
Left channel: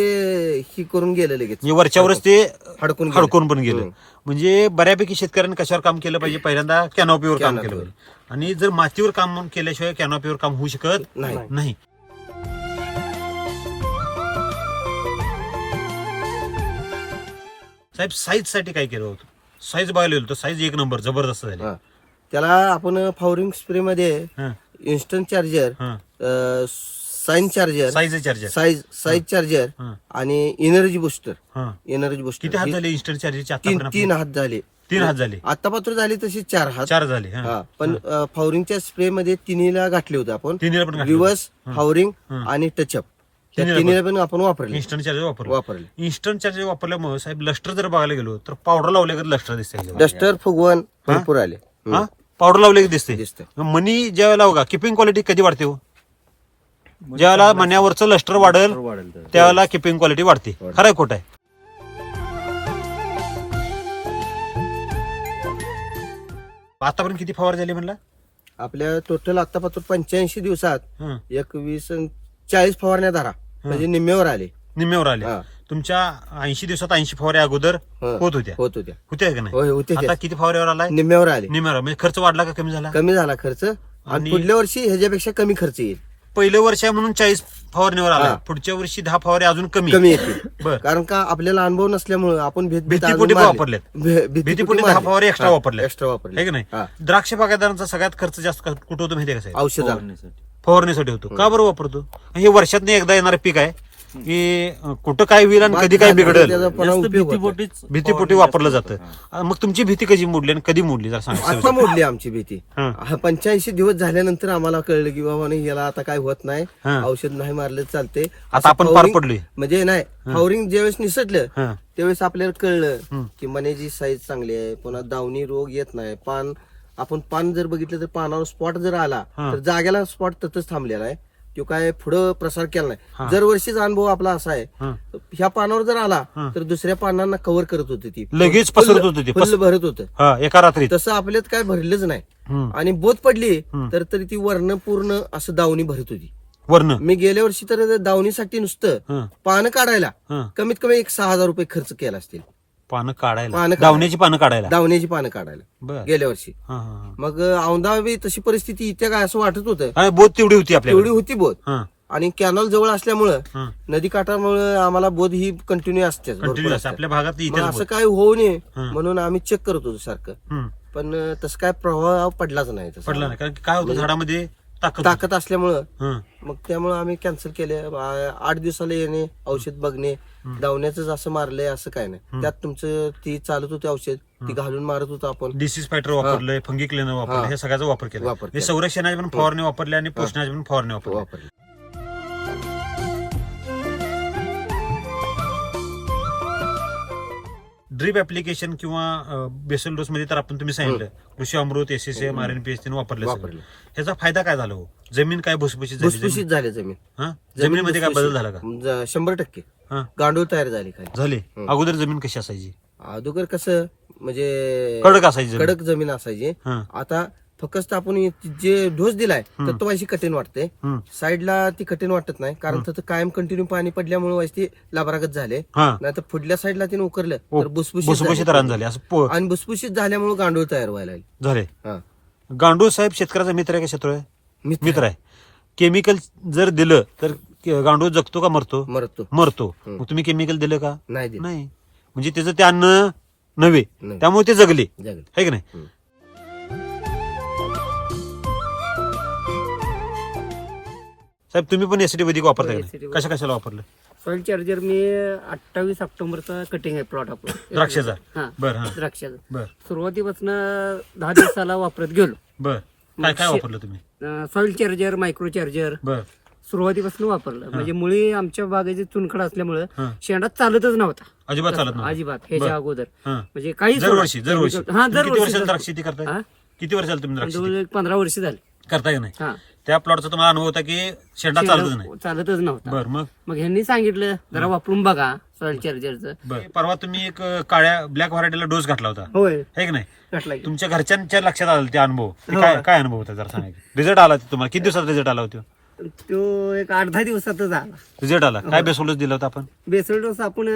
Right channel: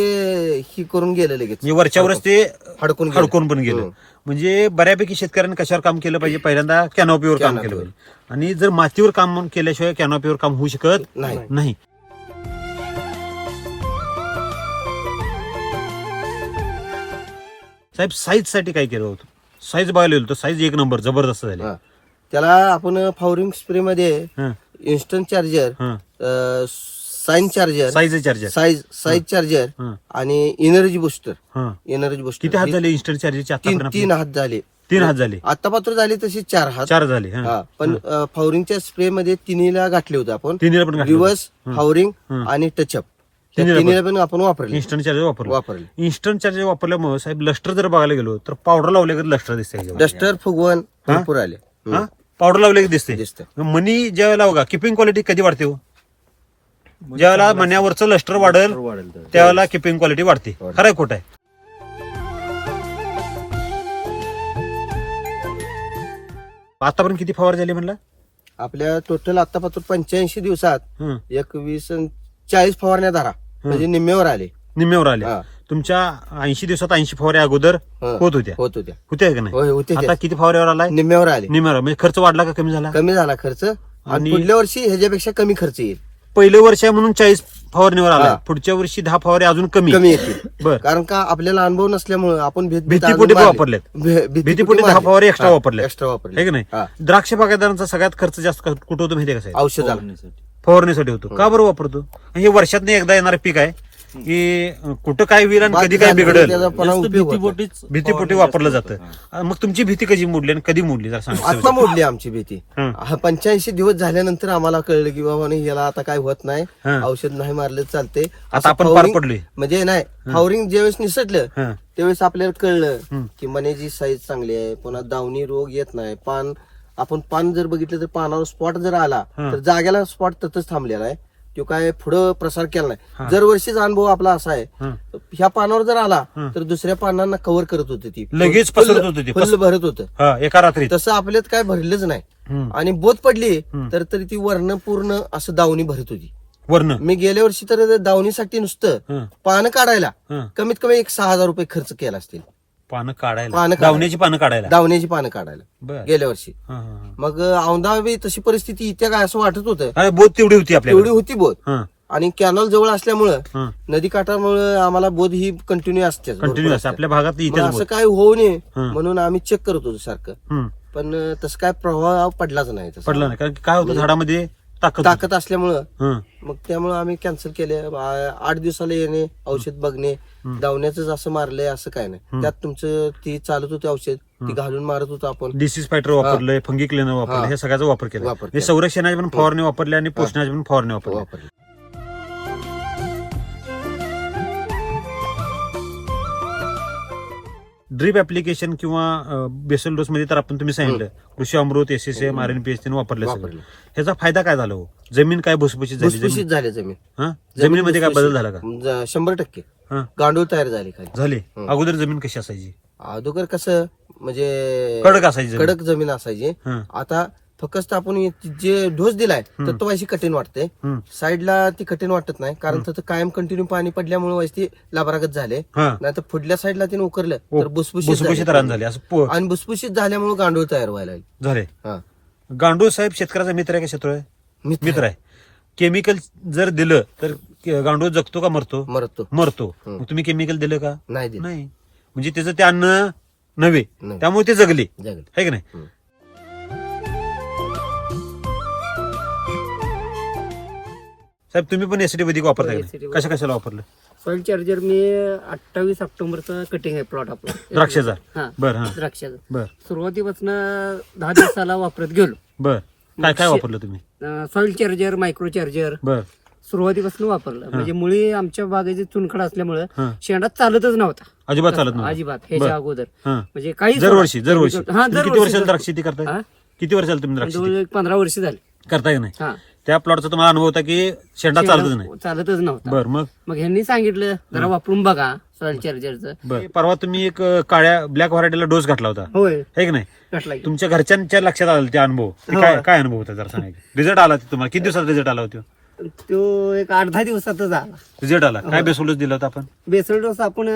ही करून गेलं लगेच म्हणजे वरच्यावरच ते हडकून गेलं. हडकून पण गेलं. म्हणजे बऱ्यापैकी शेतकऱ्यांनी कशावर काम केलं पाहिजे, पहिल्यांदा कॅनॉपीवर काम केलं पाहिजे. आणि जर मातीवर काम केल्याशिवाय कॅनॉपीवर काम होऊ शकत नाही. साहेब साईज साठी काय केलं होतं? साईज बघायला गेलो तर साईज एक नंबर जबरदस्त झाली. हा. त्याला आपण फावरिंग स्प्रे मध्ये हं, इन्स्टंट चार्जर, हं. Sign charger, size charger. Size charger हं, आणि एनर्जी बुस्टर. हं. एनर्जी बुस्टर किती हात झाले इन्स्टंट चार्जरचे तीन आता? हात झाले. 3 हात झाले. आता पात्र झाले तशी 4 हात. 4 झाले. हं. हा, पण फावरिंगच्या स्प्रे मध्ये तिन्हीला घातले होते आपण. तिन्हीला पण घातलं. रिव्हर्स, हं. फावरिंग हं. आणि टचअप तिन्हीला तिन्हीला पण आपण वापरले. इन्स्टंट चार्जर वापरलं. वापरले. इन्स्टंट चार्जर वापरल्यामुळे साहेब लस्टर जर बघायला गेलो तर पावडर लावले का लस्टर दिसते? डस्टर फुगवण भरपूर आले. हा पावडर लावले की दिसते. दिसतं. मनी ज्या वेळेला बघा किपिंग क्वालिटी कधी वाढते हो? ज्या वेळेला मण्यावरचं लस्टर वाढेल वाढेल त्यावेळेला किपिंग क्वालिटी वाढते. खरं खोट आहे? आतापर्यंत किती फवार झाली म्हणला? आपल्या टोटल आतापासून 85 दिवसात हं. 21 आणि 40 फवारण्या धरा म्हणजे निम्म्यावर आले. निम्म्यावर आले. हा. तुमच्या 80 दिवसात 80 फवारे अगोदर हं. होत होत्या होत्या का नाही? होय होते आता किती फवाऱ्यावर आलाय? निम्म्यावर आले. निम्म्यावर. म्हणजे खर्च वाढला का कमी झाला? कमी झाला खर्च आणि आणि- पुढल्या वर्षी ह्याच्यापेक्षा कमी खर्च येईल. पहिलं वर्ष आहे म्हणून 40 फवारणीवर आला. हा. पुढच्या वर्षी 10 फवारे अजून कमी येतील. बर. कारण का आपल्याला अनुभव नसल्यामुळे आपण भीतीपोटी वापरलेत. भीतीपोटी 10 फवारे एक्स्ट्रा वापरले. एक्स्ट्रा वापरले. आहे की नाही? हा. द्राक्ष बागायतदारांचा सगळ्यात खर्च जास्त कुठं होतो माहितीये का साहेब? औषधाला फवारणीसाठी होतो. का बरं वापरतो? हे वर्षात एकदा येणारं पीक आहे की कुठं काय होईल आणि कधी काय बिघडेल त्याचा पुन्हा उपयोग होतो. भीतीपोटी वापरलं जातं. मग तुमची भीती कधी मोडली आणि कधी मोडली जर आता सांगा. मोडली आमची भीती. हं. 85 दिवस झाल्यानंतर आम्हाला कळलं की बाबा नाही, याला आता काय होत नाही, हं. औषध नाही मारलं चालते. आता आपण पार पडलोय. म्हणजे नाही, फावरिंग ज्यावेळेस निसटलं हं. त्यावेळेस आपल्याला कळलं हं. की मण्याची साईज चांगली आहे, पुन्हा दावणी रोग येत नाही. आपण पान जर बघितलं तर पानावर स्पॉट जर आला हं. तर जागेला स्पॉट तसंच थांबलेला आहे. तो काय पुढं प्रसार केला हं. नाही. दरवर्षीचा अनुभव आपला असा आहे, हं. ह्या पानावर जर आला हं. तर दुसऱ्या पानांना कव्हर करत होती ती, लगेच पसरत होती ती. फुल भरत होतं. हा, एका रात्रीत. तसं आपल्यात काय भरलंच नाही. हं. आणि बोत पडली हं. तर तरी ती वर्ण पूर्ण असं दावणी भरत होती. वर्ण. मी गेल्या वर्षी तर दावणीसाठी नुसतं हं. पानं काढायला हं. कमीत कमी 6,000 रुपये खर्च केला असतील. पानं काढायला. पानं काढायला. दावण्याची पानं काढायला. दावण्याची पानं काढायला बर. गेल्या वर्षी. हं, हं, हं. मग औंधा बी तशी परिस्थिती इथे काय असं वाटत होतं. आणि बोत तेवढी होती तेवढी आपल्याला. होती बोत. हं. आणि कॅनॉल जवळ असल्यामुळं हं. नदी काठामुळे आम्हाला बोध ही कंटिन्यू असते. कंटिन्यू असते आपल्या भागात इथेच असं बोत. काय होऊ नये हं. म्हणून आम्ही चेक करत होतो सारखं. हं. पण तसं काय प्रभाव पडलाच नाही तसा. पडला नाही कारण की काय होतं झाडामध्ये ताकद होती. ताकद असल्यामुळं हं. मग त्यामुळे आम्ही कॅन्सल केले. 8 दिवसाला येणे, औषध बघणे, धावण्याचं असं मारलंय असं काय नाही. त्यात तुमचं ती चालत होती औषध, ती घालून मारत होतो आपण. डिसीज फायटर वापरलंय, फंगी क्लिनर वापरलं, हा. हे सगळ्याचा वापर केला. वापर हे केला. संरक्षणाचे पण फवारणी वापरले आणि पोषणाचे पण फवारणी वापरले. वापरले. ड्रीप ऍप्लिकेशन किंवा बेसल डोस मध्ये तर आपण तुम्ही सांगितलं कृषी अमृत, SSM, RNPH वापरले सगळं. वापरले. ह्याचा फायदा काय झाला हो? जमीन काय भुसभुशीत झाली? भुसभुशीत झाले जमीन. हा? जमिनीमध्ये काय बदल झाला का? 100% हा. गांडूळ तयार झाले खाली. झाले. हं. अगोदर जमीन कशी असायची? अगोदर कसं म्हणजे कडक असायची जमीन. कडक जमीन असायची. हं. आता फक्त आपण जे डोस दिलाय तर तो व्हायची कठीण वाटते. हं. साईडला ती कठीण वाटत नाही कारण तिथं कायम कंटिन्यू पाणी पडल्यामुळे व्हायची ती लाभरागत झाले. हा. नाही तर पुढल्या साईडला तिने उकरलं हो. तर भुसभुशीत भुसभुशीत रान झाले असं आणि भुसभुशीत झाल्यामुळे गांडूळ तयार व्हायला लागले. झाले. हा. गांडूळ साहेब शेतकऱ्याचा मित्र आहे का शत्रू आहे? मित्र आहे. केमिकल जर दिलं तर गांडूळ जगतो का मरतो? मरतो. मरतो. हं. मग तुम्ही केमिकल दिलं का? नाही दिलं. नाही. म्हणजे त्याचं ते अन्न नव्हे, नाही. त्यामुळे ते जगले, जगलं. आहे की नाही? हं. साहेब तुम्ही पण एसिडी वैदिक वापरताय हो, का? SCT कशा कशाला वापरलं? सॉइल चार्जर मी 28 ऑक्टोबरचा कटिंग आहे प्लॉट आपला द्राक्षाचा? हा बर. हा. द्राक्षाचा बर. सुरुवातीपासून 10 दिवसाला वापरत गेलो. बर. काय काय वापरलं तुम्ही? सॉइल चार्जर, मायक्रो चार्जर बर. सुरुवातीपासून वापरलं. म्हणजे मुळी आमच्या बागेची चुनखड असल्यामुळे हं. शेंडा चालतच नव्हता अजिबात चालत नव्हतं. अजिबात ह्याच्या बरं. अगोदर. हं. म्हणजे काही दरवर्षी हा तुम्ही किती दरवर्षी वर्षाला द्राक्ष शेती करताय? हा? किती वर्षाला तुम्ही द्राक्ष शेती जवळ 15 वर्ष झाली. करताय का नाही? हा त्या प्लॉटचा तुम्हाला अनुभव होता की शेंडा चालतच नाही? चालतच नव्हता. बर. मग मग ह्यांनी सांगितलं जरा वापरून बघा सॉइल चार्जरचं. बर. परवा तुम्ही एक काळ्या ब्लॅक व्हरायटीला डोस घातला होता, होय आहे की नाही? घातला की. तुमच्या घरच्यांच्या लक्षात आला ते अनुभव? ते हो. काय काय अनुभव होता जरा सांगायचं? रिझल्ट आला तुम्हाला किती दिवसात रिझल्ट आला होता? तो एक 8-10 दिवसातच आला. रिझल्ट आला. काय बेसोल डोस दिला होता आपण? बेसल डोस आपण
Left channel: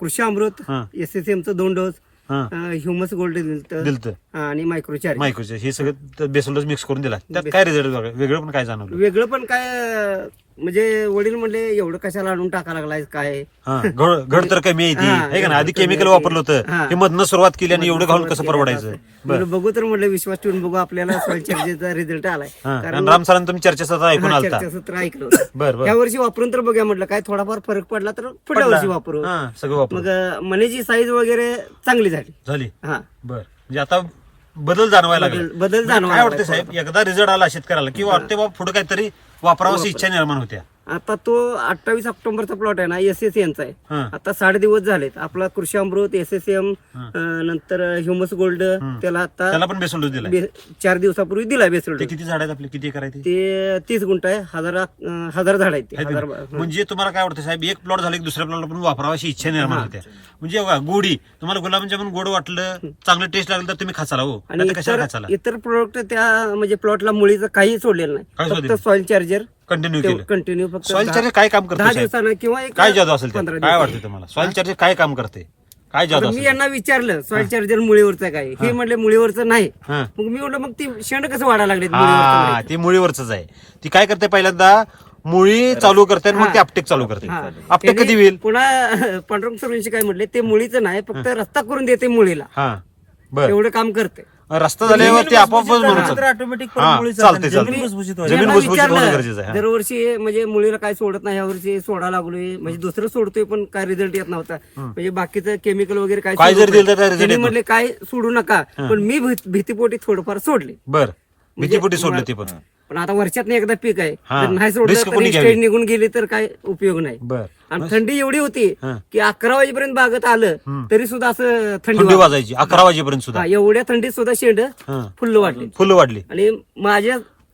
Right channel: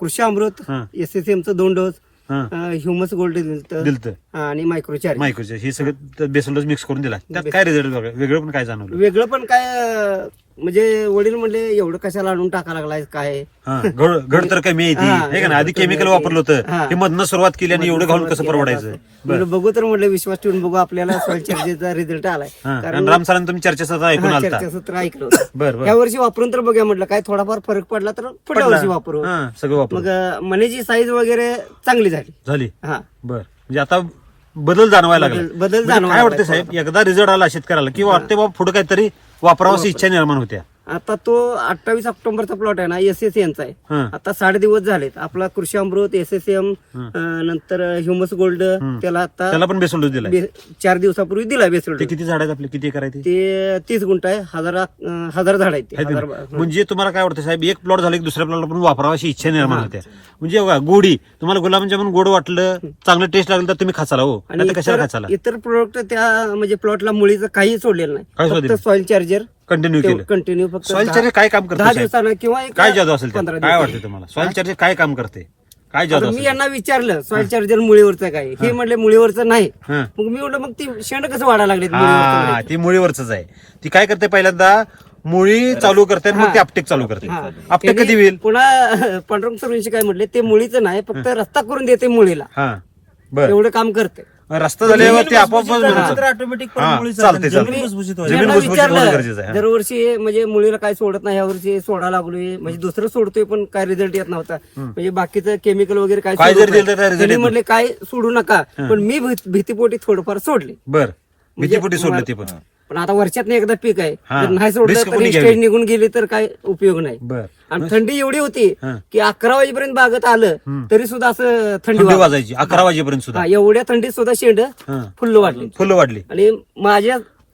कृषी अमृत, हा. SSM चं 2 डोस, हा. ह्युमस गोल्ड दिलत आणि मायक्रोचार्ज. मायक्रोचे हे सगळं बेसोल डोस मिक्स करून दिला. त्यात काय रिझल्ट वेगळं पण काय जाणवलं? वेगळं पण काय म्हणजे वडील म्हणले एवढं कशाला आणून टाका लागलाय काय. हा, घड तर कमी येते हा, हे का ना. आधी घड तर केमिकल कमी वापरलं होतं हा. हे मधनं सुरुवात केली आणि एवढं घालून कसं परवडायचं? म्हणलं बघू तर म्हटलं विश्वास ठेवून बघू आपल्याला सॉइल चार्जेसचा रिझल्ट आलाय. हा, आणि राम सरांनी तुम्ही चर्चेचा ऐकून आलता. चर्चासत्र ऐकलं होतं. बरं या बरं. वर्षी वापरून तर बघूया म्हटलं काय थोडाफार फरक पडला तर पुढल्या वर्षी वापरू. हा, सगळं वापर मग मनीची साईज वगैरे चांगली झाली. झाली. हा, बर म्हणजे आता बदल जाणवायला लागला. बदल म्हणजे जाणवायला काय वाटतं लागला. साहेब, एकदा रिझल्ट आला शेतकऱ्याला की वाटते बाबा पुढे काहीतरी वापरावशी इच्छा निर्माण होत्या. आता तो 28 ऑक्टोबरचा प्लॉट आहे ना, SSC यांचा आहे. हा. आता 60 दिवस झालेत. आपला कृषी अमृत, SSM, हा. नंतर ह्युमस गोल्ड त्याला आता त्याला पण बेसोल डोस दिला. 4 दिवसापूर्वी दिला बेसल ते किती झाड आहेत आपले, किती एकर आहे ते? ते 30 गुंठ आहे. हजार झाड आहेत ते. आहेत हजार ना? म्हणजे तुम्हाला काय वाटतं साहेब, एक प्लॉट झालं की दुसऱ्या प्लॉटला पण वापरावाशी इच्छा निर्माण होत्या. म्हणजे बघा, गोडी तुम्हाला गुलाबजामुन गोड वाटलं, चांगलं टेस्ट लागलं तर तुम्ही खाचाला हो, आणि आता कशाला खाचाला? इतर प्रोडक्ट त्या म्हणजे प्लॉटला मुळीचं काही सोडलेलं काय नाही. सोडलेलं? फक्त सॉइल चार्जर कंटिन्यू केलं. कंटिन्यू फक्त सॉइल चार्जर काय काम करते 10 साहेब? दिवसानं किंवा एक काय जादू असेल 15 त्यात? काय दिवसानं. वाटतं तुम्हाला सॉइल चार्जर काय काम करते? काय जादू आता मी असेल? यांना विचारलं सॉइल चार्जर मुळीवरचं काय, हे म्हणले मुळीवरचं नाही. हा. मग मी म्हटलं मग ती शेंड कसं वाढायला लागले हा, ती मुळीवरच आहे. ती काय करते, पहिल्यांदा मुळी चालू करते आणि मग ते अपटेक चालू करते. अपटेक कधी होईल? पुन्हा पांडुरंग सरांशी काय म्हटले, ते मुळीचं नाही फक्त रस्ता करून देते मुळीला, हा, बर. एवढं काम करते. रस्ता झाल्यावर ते आपोआप ऑटोमॅटिक हा, मुळी चालते, चालते. जमीन भुसभुशीत जमीन व्हायला. यांना भुसभुशीत होणं विचारलं गरजेचं आहे. दरवर्षी म्हणजे मुलीला काय सोडत नाही, ह्या वर्षी सोडा लागलोय, म्हणजे दुसरं सोडतोय पण काय रिझल्ट येत नव्हता. म्हणजे बाकीचं केमिकल वगैरे काय काय सोडू जर दिलं तर नये. काय result त्यांनी येत म्हटले काय सोडू नका, पण मी भीतीपोटी थोडंफार सोडले. बर. भीतीपोटी सोडलं ते पण. पण आता वर्षात एकदा पीक आहे, हा. जर नाही सोडलं Risk तर कोणी ही घ्यावी? स्टेज निघून गेली तर काय उपयोग नाही. बर. आणि थंडी एवढी होती हा. की 11 वाजेपर्यंत बागत आलं तरी सुद्धा असं थंडी थंडी वाजत. वाजायची 11 वाजेपर्यंत सुद्धा. हा, एवढ्या थंडीत सुद्धा शेंड हा. फुल्ल वाढली. फुलं वाढली. आणि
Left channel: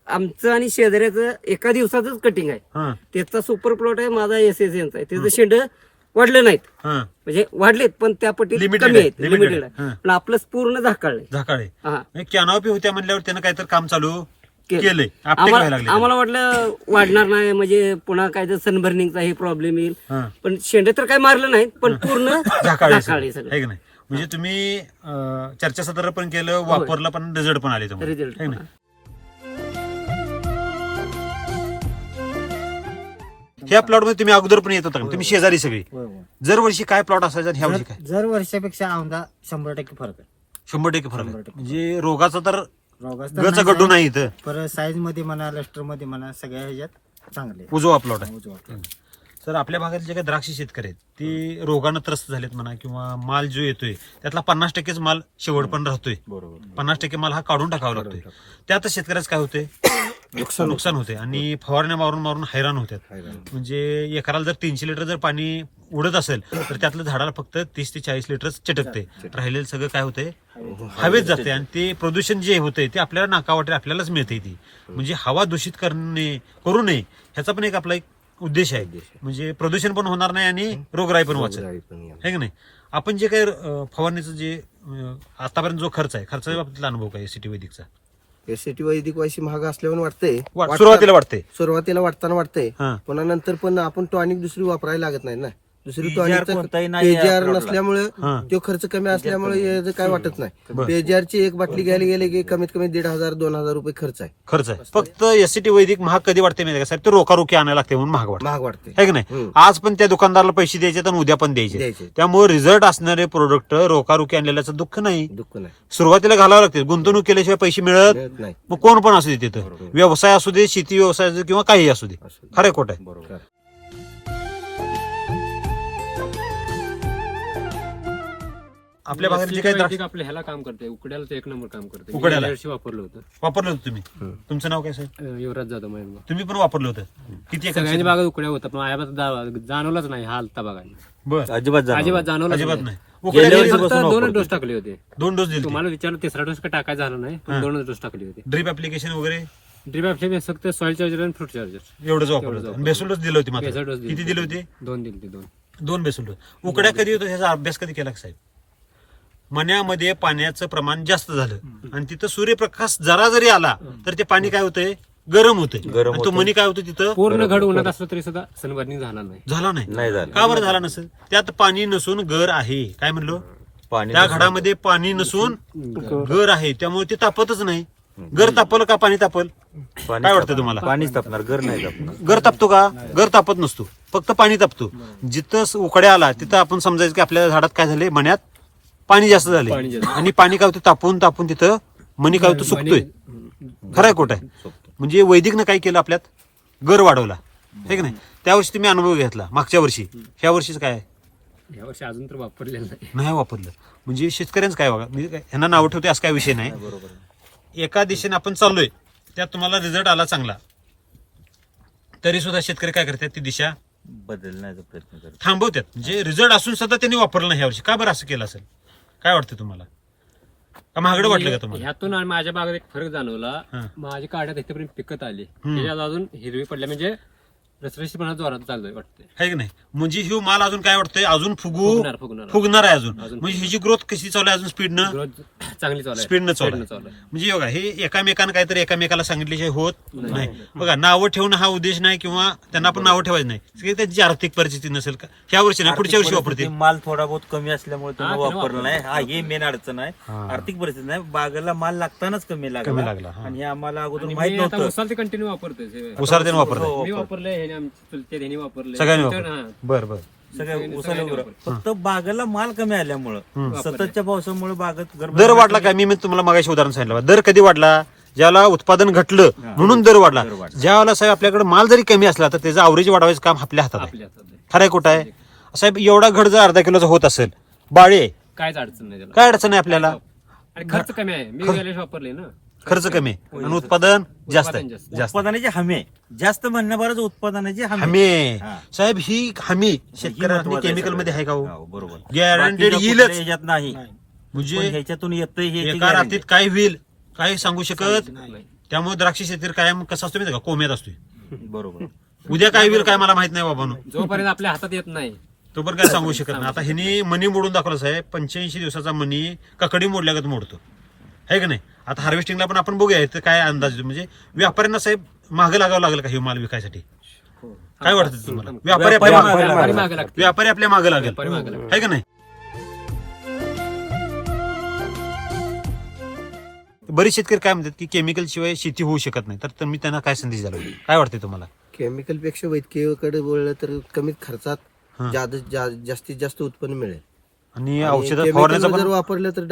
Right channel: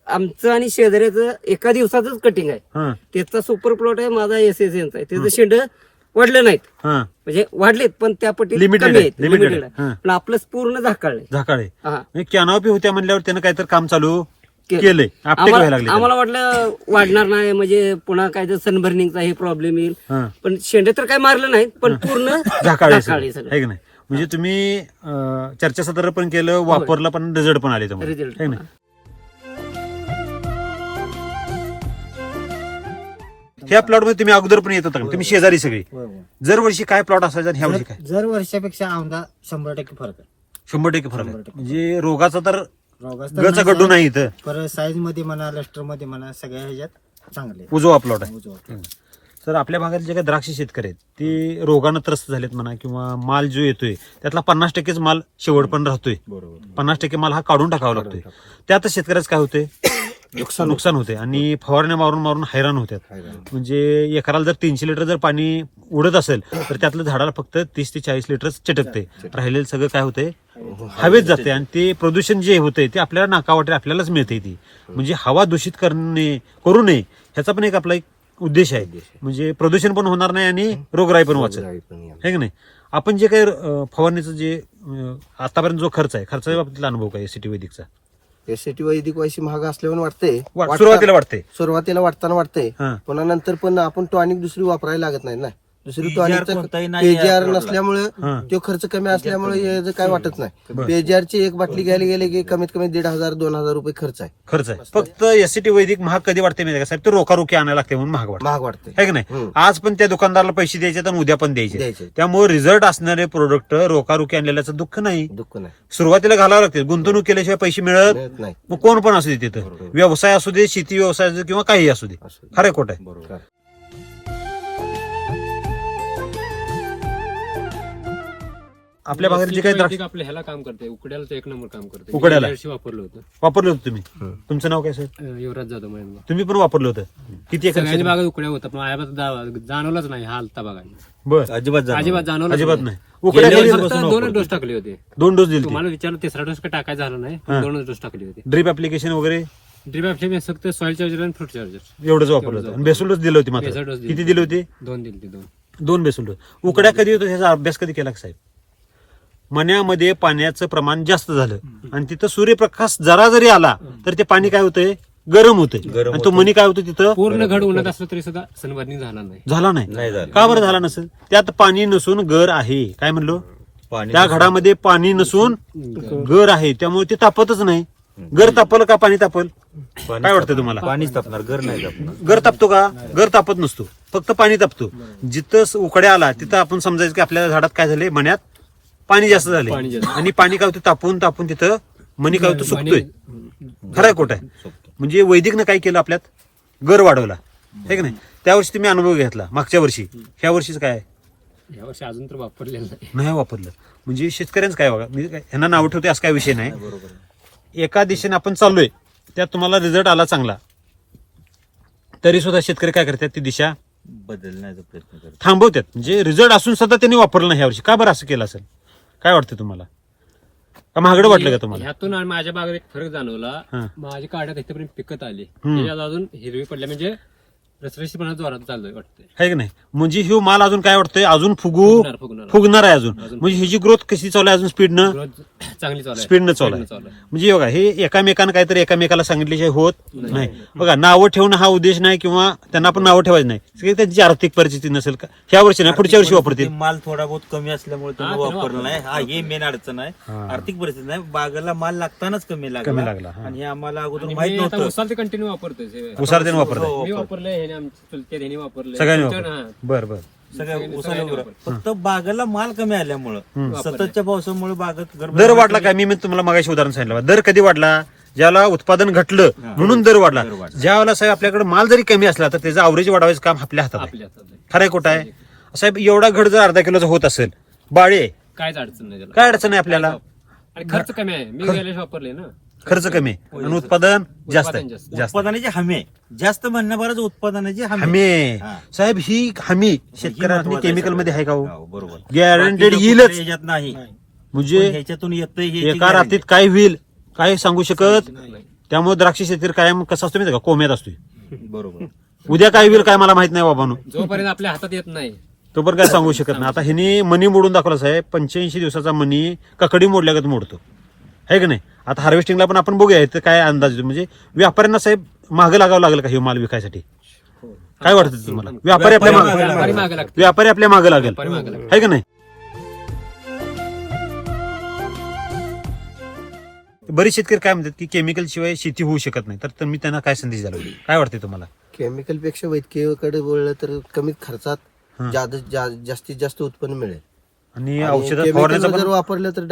आमचं आणि शेजाऱ्याचं एका दिवसाच कटिंग आहे. हा, त्याचा सुपर प्लॉट आहे, माझा SSNचा आहे. त्याचं शेंड वाढले नाहीत, हा. म्हणजे वाढलेत पण त्या पट्टी Limited कमी आहे, आहेत, limited लिमिटेड आहे. आहे. हा. पण आपलं पूर्ण झाकाळलंय. झाकाळे. हा. कॅनॉपी होत्या म्हणल्यावर त्यानं काहीतरी काम चालू केलं. केलंय. अपटेक व्हायला लागले. आम्हाला वाटलं वाढणार नाही, म्हणजे पुन्हा काय तर सनबर्निंगचा हे प्रॉब्लेम येईल. हा. पण शेंडे तर काय मारलं नाहीत, पण पूर्ण झाकाळे झाकाळे सगळं. सगळं. आहे की नाही? म्हणजे तुम्ही चर्चासत्र पण केलं, वापरलं पण, रिझल्ट पण आले तुम्हाला. रिझल्ट. आहे की नाही? ह्या प्लॉट मध्ये तुम्ही अगोदर पण येत होता का? तुम्ही शेजारी सगळी. दरवर्षी काय प्लॉट असायचा आणि ह्या वर्षी काय? जर वर्षापेक्षा औंधा 100% फरक आहे. 100% फरक आहे. म्हणजे रोगाचा तर रोगाचं गचा गड्डू नाही इथं. परत साईज मध्ये म्हणा, लस्टर मध्ये म्हणा, सगळ्या ह्याच्यात चांगले उजवा प्लॉट आहे. उजवा. तर आपल्या भागात जे काही द्राक्ष शेतकरी आहेत ते रोगानं त्रस्त झालेत म्हणा, किंवा माल जो येतोय त्यातला 50%च माल शेवट पण राहतोय. 50% माल हा काढून टाकावा लागतोय. त्यात शेतकऱ्याच काय होतंय, नुकसान होते आणि फवारण्या मारून मारून हैराण होतात. म्हणजे एकराला जर 300 लिटर जर पाणी उडत असेल तर त्यातलं झाडाला फक्त 30 ते 40 लिटर चिटकते. राहिलेलं सगळं काय होतंय, हवेत जाते. आणि ते प्रदूषण जे होतंय ते आपल्याला नाकावाटे आपल्यालाच मिळते. ती म्हणजे हवा दूषित करू नये ह्याचा पण एक आपला एक उद्देश आहे. म्हणजे प्रदूषण पण होणार नाही आणि रोगराई पण वाचेल. आहे की नाही? आपण जे काही फवारणीचं जे आतापर्यंत जो खर्च आहे, खर्चाच्या बाबतीतला अनुभव काय SCT वैदिकचा? SCT वैदिक वायशी महाग असल्यावर वाटतंय. सुरुवातीला वाटते. सुरुवातीला वाटताना वाटतंय, हा. पुन्हा नंतर पण आपण टॉनिक दुसरी वापरायला लागत नाही ना. दुसरी PGR टॉनिक कोणताही नाही पेजीआर आहे नसल्यामुळे हा. तो खर्च कमी असल्यामुळे याचं काय वाटत नाही. बरं. पेजीआर ची एक बाटली घ्यायला गेले की कमीत कमी 1,500-2,000 रुपये खर्च आहे. खर्च आहे. फक्त SCT वैदिक महाग कधी वाटते माहिती का साहेब? ते रोकारोकी आणायला लागते म्हणून महाग वाटते. महाग वाटते. आहे की नाही? हम्म. आज पण त्या दुकानदाराला पैसे द्यायचे आणि उद्या पण द्यायचे. द्यायचे. त्यामुळे रिझल्ट असणारे प्रोडक्ट रोकारोकी आणलेल्याचं दुःख नाही. दुःख नाही, सुरुवातीला घालावं लागते. गुंतवणूक केल्याशिवाय पैसे मिळत मिळत नाही. मग कोण पण असू दे तिथं, व्यवसाय असू दे, शेती व्यवसाय असू दे, किंवा काही असू दे. खरं खोट आहे? बरोबर. आपल्या भागात जे काही द्राक्ष आपल्या ह्याला काम करते, उकड्याला तर एक नंबर काम करते. उकड्याला? गेल्या वर्षी वापरलं होतं. वापरलं होतं तुम्ही? तुमचं नाव काय साहेब? युवराज जाधव म्हणून. तुम्ही पण वापरलं होतं? किती एकर? सगळ्यांनी बागा उकड्या होता, पण अजिबात जाणवलंच नाही हा आलता बघायला. बरं. अजिबात जाणवलं अजिबात नाही. उकड्या गेल्या कधी? वर्षी फक्त 2 डोस टाकले होते. 2 डोस दिले. तुम्हाला विचारलं 3रा डोस काय टाकायचा झाला नाही, हा. 2 डोस टाकले होते. ड्रीप ऍप्लिकेशन वगैरे ड्रीप ऍप्लिकेशन फक्त सॉइल चार्जर आणि फ्रूट चार्जर एवढंच वापरलं होतं. बेसल डोस दिले होते मात्र. बेसल डोस दिले. किती दिले होते? 2 दिले ते 2 बेसल डोस. उकड्या कधी होतं ह्याचा अभ्यास कधी केला का साहेब? मण्यामध्ये पाण्याचं प्रमाण जास्त झालं आणि तिथं सूर्यप्रकाश जरा जरी आला तर ते पाणी काय होतंय, गरम होतंय आणि तो मनी काय होतं तिथं पूर्ण घड उन्हात असलं तरी सुद्धा सनबर्निंग झाला नाही. झाला नाही. का बरं झाला नसेल? त्यात पाणी नसून गर आहे. काय म्हणलो? त्या घडामध्ये पाणी नसून गर आहे, त्यामुळे ते तापतच नाही. गर तापल का पाणी तापल? काय वाटतं तुम्हाला? पाणीच तापणार, घर नाही तापणार. गर तापतो का? गर तापत नसतो, फक्त पाणी तापतो. जिथं उकड्या आला तिथं आपण समजायचं की आपल्या झाडात काय झाले, मण्यात पाणी जास्त झाले पाणी जास्त. आणि पाणी काय होतं, तापून तिथं मनी काय होतं, सुकतोय. खरंय खोट आहे? म्हणजे वैदिकनं काय केलं, आपल्यात गर वाढवला, है की नाही? त्या वर्षी तुम्ही अनुभव घेतला, मागच्या वर्षी. ह्या वर्षीच काय या वर्षी अजून तर वापरलेलं नाही. नाही वापरलं. म्हणजे शेतकऱ्यांचं काय बघा, मी ह्यांना नाव ठेवते असं काय विषय नाही. एका दिशेने आपण चाललोय, त्यात तुम्हाला रिझल्ट आला चांगला, तरी सुद्धा शेतकरी काय करतात, ती दिशा बदलण्याचा प्रयत्न करतात. थांबवतात. म्हणजे रिझल्ट असून सुद्धा त्यांनी वापरलं नाही ह्यावर्षी. का बरं असं केलं असेल? काय वाटतं तुम्हाला? का महागडं वाटलं का तुम्हाला? ह्यातून आणि माझ्या बागेत एक फरक जाणवला. हा. माझी काढ्यात इथेपर्यंत पिकत आली, त्याच्यात अजून हिरवी पडल्या, म्हणजे रसरशीपणा जोरात चाललोय वाटतंय. आहे की नाही? म्हणजे ह्यो माल अजून काय वाटतंय, अजून फुगणार आहे अजून. म्हणजे ह्याची ग्रोथ कशी चालू आहे, अजून स्पीडनं ग्रोथ चांगली चालू आहे. स्पीडनं चालू आहे. म्हणजे बघा, हे एकामेकांना काहीतरी एकामेकाला सांगितल्याशिवाय होत नाही. बघा, नावं ठेवणं हा उद्देश नाही, किंवा त्यांना आपण नावं ठेवायचं नाही. सगळी त्यांची आर्थिक परिस्थिती नसेल का, ह्या वर्षी नाही, पुढच्या वर्षी वापरतील. माल थोडा बहुत कमी असल्यामुळे त्यांना त्यांना वापरला नाही. हा, हे मेन अडचण आहे. आर्थिक परिस्थिती नाही, बागेला माल लागतानाच कमी लागला, हा. आणि हे आम्हाला अगोदर आणि माहित मी आता नव्हतं. उसाला ते कंटिन्यू वापरतोय. उसार त्यानं वापरलं, मी वापरलंय, ह्याने आमच्या चुलत्या ह्याने वापरलंय, सगळ्यांनी तुमच्या- वापरलं. हा. बरं बरं. सगळ्या उसाला वापरलं. फक्त बागेला माल कमी आल्यामुळं, सततच्या पावसामुळे बागेत दर वाढला काय? मी तुम्हाला मागाशी उदाहरण सांगितलं. दर कधी वाढला? ज्याला उत्पादन घटलं म्हणून दर वाढला. ज्यावेळेला साहेब आपल्याकडे माल जरी कमी असला तर त्याचं अवरेज वाढवायचं काम आपल्या हातात आहे. आपल्या हातात आहे. खरंय खोटं आहे? साहेब, एवढा घड जर अर्धा किलोचा होत असेल, बाळे, काहीच अडचण नाही त्याला. काय अडचण आहे आपल्याला? आणि खर्च कमी आहे. मी गेल्या वापरले ना, खर्च कमी आणि उत्पादन जास्त आहे. जास्त. जास्त उत्पादनाची हमी आहे. जास्त म्हणण्याबरोबर उत्पादनाची हमी हमी आहे. आहे. साहेब, ही हमी शेतकऱ्यांनी केमिकल मध्ये आहे का हो? हो, बरोबर. गॅरंटेड बाकीच्या येईलच. कुठल्या ह्याच्यात नाही. म्हणजे पण ह्याच्यातून येतंय हे एका guarantee. रात्रीत काय होईल काय सांगू शकत. त्यामुळे द्राक्ष शेतकरी कायम कसा असतो माहिती का, कोम्यात असतोय. बरोबर. उद्या काय होईल काय मला माहित नाही बाबांनो, जोपर्यंत आपल्या हातात येत नाही तो पण काय सांगू शकत नाही. आता ह्यानी मनी मोडून दाखवला साहेब. 85 दिवसाचा मनी ककडी मोडल्यागत मोडतो, आहे का नाही? आता हार्वेस्टिंगला पण आपण बघूया इथं काय अंदाज येतो. म्हणजे व्यापाऱ्यांना साहेब मागं लागावं लागेल का हे माल विकायसाठी? काय वाटतं तुम्हाला? व्यापारी आपल्या व्यापारी मागे लागते. व्यापारी आपल्या मागं लागेल, व्यापारी मागे लागते. आहे का नाही? बरेच शेतकरी काय म्हणतात की केमिकल शिवाय शेती होऊ शकत नाही. तर मी त्यांना काय संदेश द्याल? काय वाटते तुम्हाला? केमिकल पेक्षा वैद्यकीयकडे बोललं तर कमीत खर्चात जास्तीत जास्त उत्पन्न मिळेल. आणि आणि औषध chemical फवारण्याचं जर पण वापरलं तर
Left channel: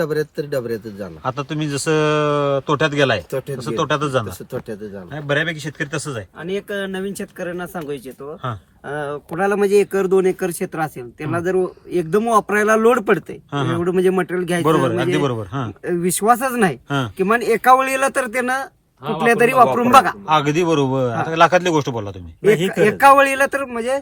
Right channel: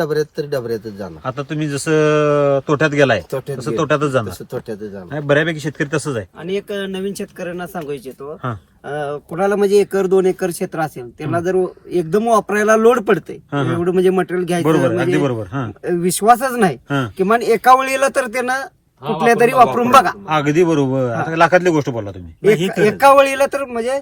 डबऱ्यातच जाणार. आता तुम्ही जसं तोट्यात गेलाय तोट्यात तसं गेलं. तोट्यातच जाणार. तसं तोट्यातच जाणार. नाही, बऱ्यापैकी शेतकरी तसंच आहे. आणि एक नवीन शेतकऱ्यांना सांगू इच्छितो, हा. कुणाला म्हणजे 1-2 एकर क्षेत्र असेल, त्यांना जर एकदम वापरायला लोड पडते, हा, हा. एवढं म्हणजे मटेरियल बरोबर, घ्यायचं अगदी म्हणजे बरोबर. हा, विश्वासच नाही, हा. किमान एका वेळेला तर त्यानं कुठल्या तरी वापरून बघा. अगदी बरोबर. आता लाखातली गोष्ट बोलला तुम्ही. एका वेळेला तर म्हणजे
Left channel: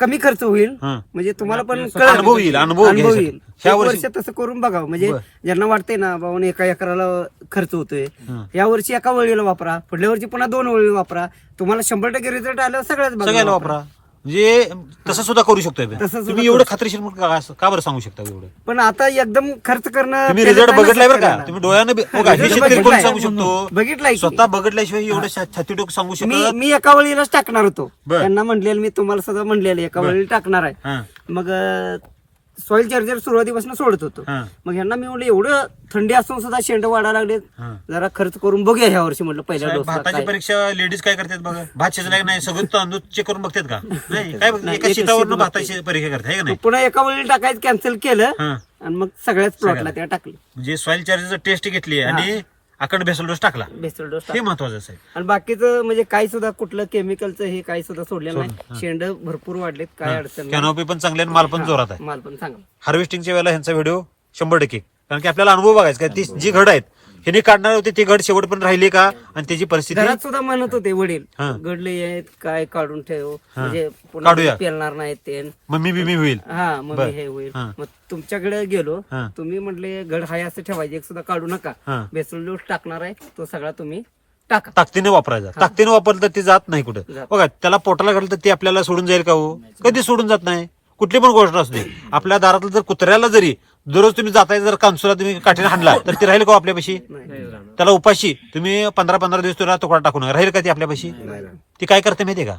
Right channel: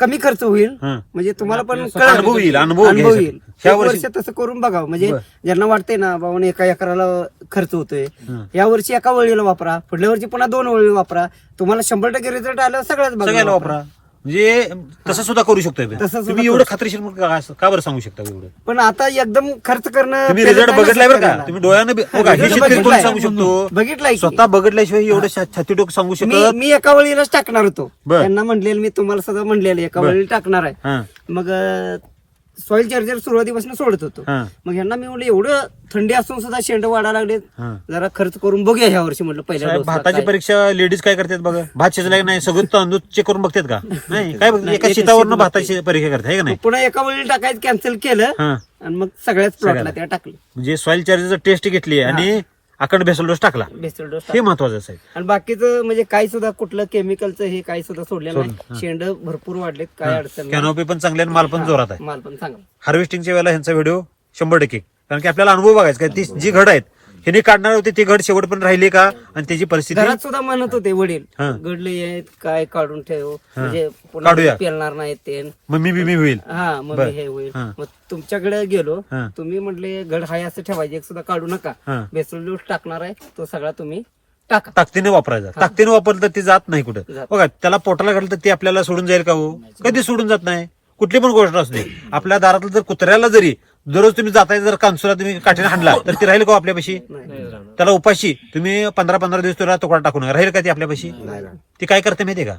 कमी खर्च होईल, हा. म्हणजे तुम्हाला पण अनुभव येईल, अनुभव अनुभव घ्यायचा. येईल. ह्या एक वर्षी- वर्ष तसं करून बघावं. म्हणजे बरं. ज्यांना वाटतंय ना बाबा एका एकराला खर्च होतोय, हं. या वर्षी एका वेळेला वापरा, पुढल्या वर्षी पुन्हा 2 वेळी वापरा, तुम्हाला 100% रिझल्ट आल्यावर सगळ्याच सगळ्याला बाजूला वापरा. म्हणजे तसं सुद्धा करू शकतोय. तसं सुद्धा तुम्ही करू एवढं खात्रीशीर मग का बरं सांगू शकता एवढं? पण आता एकदम खर्च करणं तुम्ही पेलत रिझल्ट नाही ना बघितलाय बरं का? शेतकऱ्याला. तुम्ही डोळ्यानं बघा, हे result शेतकरी कोण बघितलाय. सांगू शकतो? बघितलाय की. स्वतः बघितल्याशिवाय एवढं छाती डोकं सांगू शकत. मी एका वेळेलाच टाकणार होतो. बरं. त्यांना म्हणलेलं, मी तुम्हाला सगळं म्हणलेलं एका बरं. वेळेला टाकणार आहे. हा, मग सॉइल चार्जर सुरुवातीपासून सोडत होतो. हा, मग ह्यांना मी म्हणलं एवढं थंडी असून सुद्धा शेंड वाढायला लागले, हा. जरा खर्च करून बघूया ह्या वर्षी म्हटलं पहिल्या साहेब, डोसला भाताची काय. परीक्षा लेडीज काय करतात बघा. भात शिजलाय नाही सगळं तांदूळ चेक करून बघतात का? नाही, काय बघ, नाही, एका एका शेतावरनं शेतात भाताची परीक्षा करतात, आहे का नाही? पुन्हा एका वेळेला टाकायचं कॅन्सल केलं हा. आणि मग सगळ्याच प्लॉटला सगळ्याला. त्या टाकले, म्हणजे सॉइल चार्जर टेस्ट घेतली आणि अखंड बेसल डोस टाकला. बेसल डोस हे महत्वाचं आहे साहेब. आणि बाकीचं म्हणजे काही सुद्धा कुठलं केमिकलचं हे काही सुद्धा सोडलेलं नाही. शेंड भरपूर वाढलेत, काय अडचण नाही. कॅनोपी पण चांगली आणि माल पण जोरात आहे. माल पण चांगला. हार्वेस्टिंगच्या वेळेला ह्यांचा व्हिडिओ 100%, कारण की आपल्याला अनुभव बघायचा का ती जी घड आहेत ह्यांनी काढणार होते ती घड शेवट पण राहिली का आणि त्याची परिस्थिती. घरात सुद्धा म्हणत होते वडील, हा. गडले आहेत काय काढून ठेव, म्हणजे काढूया. पुन्हा पेलणार नाहीत ते. मम्मी बिमी होईल. हा मग बरं. हे होईल. हा. मग तुमच्याकडे गेलो, हा. तुम्ही म्हटले घड हाय असं ठेवायचे, एक सुद्धा काढू नका, हा. बेसल डोस टाकणार आहे तो सगळा तुम्ही टाका. ताकदीने वापरायचा. ताकदीने वापरलं तर ते जात नाही कुठं. जात. बघा, त्याला पोटाला घाललं तर ते आपल्याला सोडून जाईल का हो? कधी सोडून जात नाही. कुठली पण गोष्ट असते. आपल्या दारातलं जर कुत्र्याला जरी दररोज तुम्ही जाताय जर कांसुला तुम्ही काठीने हाणला तर ती राहील का हो आपल्यापाशी? त्याला उपाशी तुम्ही 15-15 दिवस तुला तुकडा टाकून राहील का ती आपल्यापाशी? ती काय करते माहितीये का?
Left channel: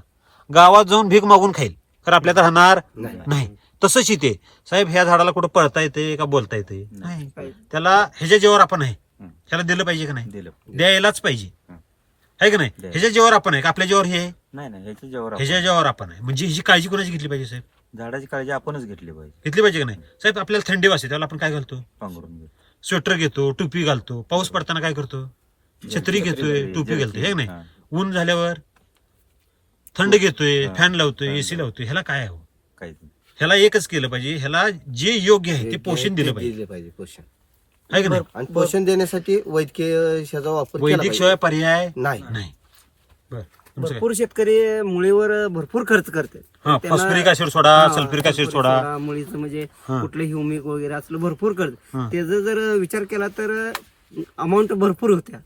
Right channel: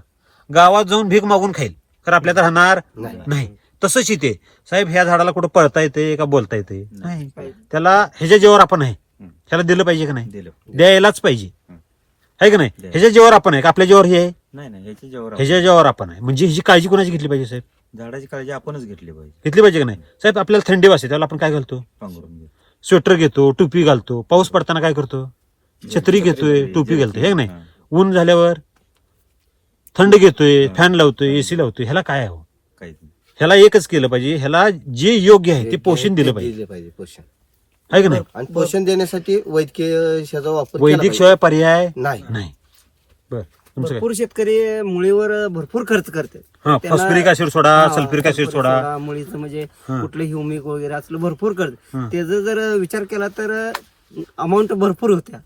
गावात जाऊन भीक मागून खाईल, तर आपल्या तर राहणार नाही. तसंच इथे साहेब ह्या झाडाला कुठं पळता येते का बोलता येते नाही, त्याला ह्याच्या जीवावर आपण आहे, त्याला दिलं पाहिजे का नाही? द्यायलाच पाहिजे, आहे का नाही? ह्याच्या जीवावर आपण आहे का आपल्या जीवावर हे आहे? नाही ह्याच्या जेव्हा ह्याच्या जीवावर आपण आहे. म्हणजे ह्याची काळजी कोणाची घेतली पाहिजे साहेब? झाडाची काळजी आपणच घेतली पाहिजे. घेतली पाहिजे का नाही साहेब? आपल्याला थंडी वाजते त्याला आपण काय घालतो? पांघरून घेऊ. स्वेटर घेतो, टोपी घालतो, पाऊस पडताना काय करतो? छत्री घेतोय, टोपी घालतोय, हे नाही? ऊन झाल्यावर थंड घेतोय, फॅन लावतोय, एसी लावतोय, ह्याला काय आहे? काहीच नाही. ह्याला एकच केलं पाहिजे, ह्याला जे योग्य आहे ते पोषण दिलं पाहिजे, पोषण. आहे का नाही? आणि पोषण देण्यासाठी वैद्यकीय ह्याचा वापर केला वैदिक पाहिजे. शिवाय पर्याय नाही. नाही. बर तुमचं काय? भरपूर शेतकरी मुळीवर भरपूर खर्च करते. हा, त्यांना- फॉस्फरिक ऍसिड सोडा, हा, सल्फ्युरिक ऍसिड सल्फ्युरिक सोडा. मुळीचं म्हणजे हा. कुठलं ह्युमिक वगैरे असलं भरपूर हा. करते. त्याचा जर विचार केला तर अमाऊंट भरपूर होत्या.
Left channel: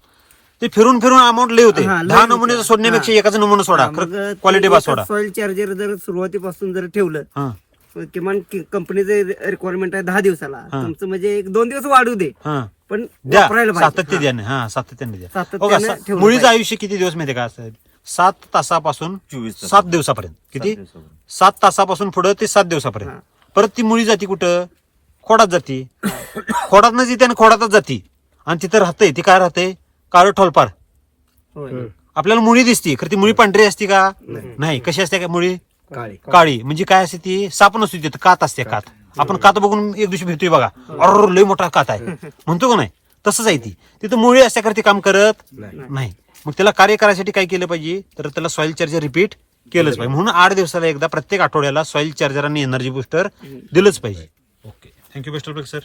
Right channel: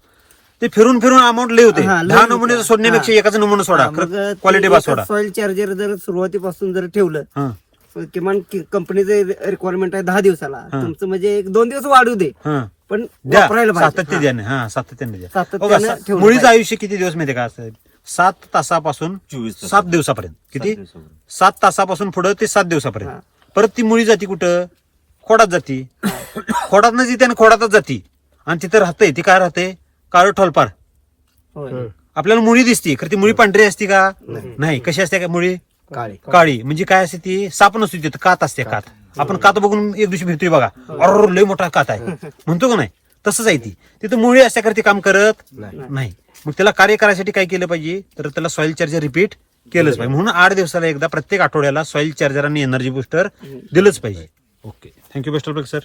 ते फिरून फिरून अमाऊंट लय होते. हा, लय 10 होते. नमुने सोडण्यापेक्षा हा. एकाच नमुना सोडा, क्वालिटी बा सोडा. सॉइल चार्जर जर सुरुवातीपासून जर ठेवलं, हा, किमान कंपनीचे रिक्वायरमेंट आहे 10 दिवसाला, तुमचं म्हणजे 1-2 दिवस वाढू दे, हा. पण द्या, वापरायला पाहिजे. सातत्याने. हा, सातत्याने द्या. सातत्याने बघा, ठेवलं मुळीचं पाहिजे. आयुष्य किती दिवस माहिती का असतं? 7 तासापासून 24 तास. 7 दिवसापर्यंत. किती? 7 दिवसापर्यंत. 7 तासापासून पुढे ते 7 दिवसापर्यंत. हा. परत ती मुळी जाती कुठं? खोडात जाती. खोडात जिथे आणि खोडातच जाती आणि तिथे राहते. ती काय राहते? काळं ठोलपार. होय. आपल्याला मुळी दिसती, खरं ती मुळी पांढरी असती का? नाही. कशी असते का मुळी? काळी. काळी. म्हणजे काय असते ती? साप नसतो तिथं, कात असते, कात. आपण कात बघून एक दिवशी भेटतोय बघा, अरे लय मोठा कात आहे म्हणतो का नाही? तसंच आहे ती. तिथं मुळी असल्याकरती काम करत नाही. मग त्याला कार्य करायसाठी काय केलं पाहिजे? तर त्याला सॉइल चार्जर रिपीट केलंच पाहिजे. म्हणून 8 दिवसाला एकदा प्रत्येक आठवड्याला सॉइल चार्जर आणि एनर्जी बुस्टर दिलंच पाहिजे. Okay, thank you best of luck sir.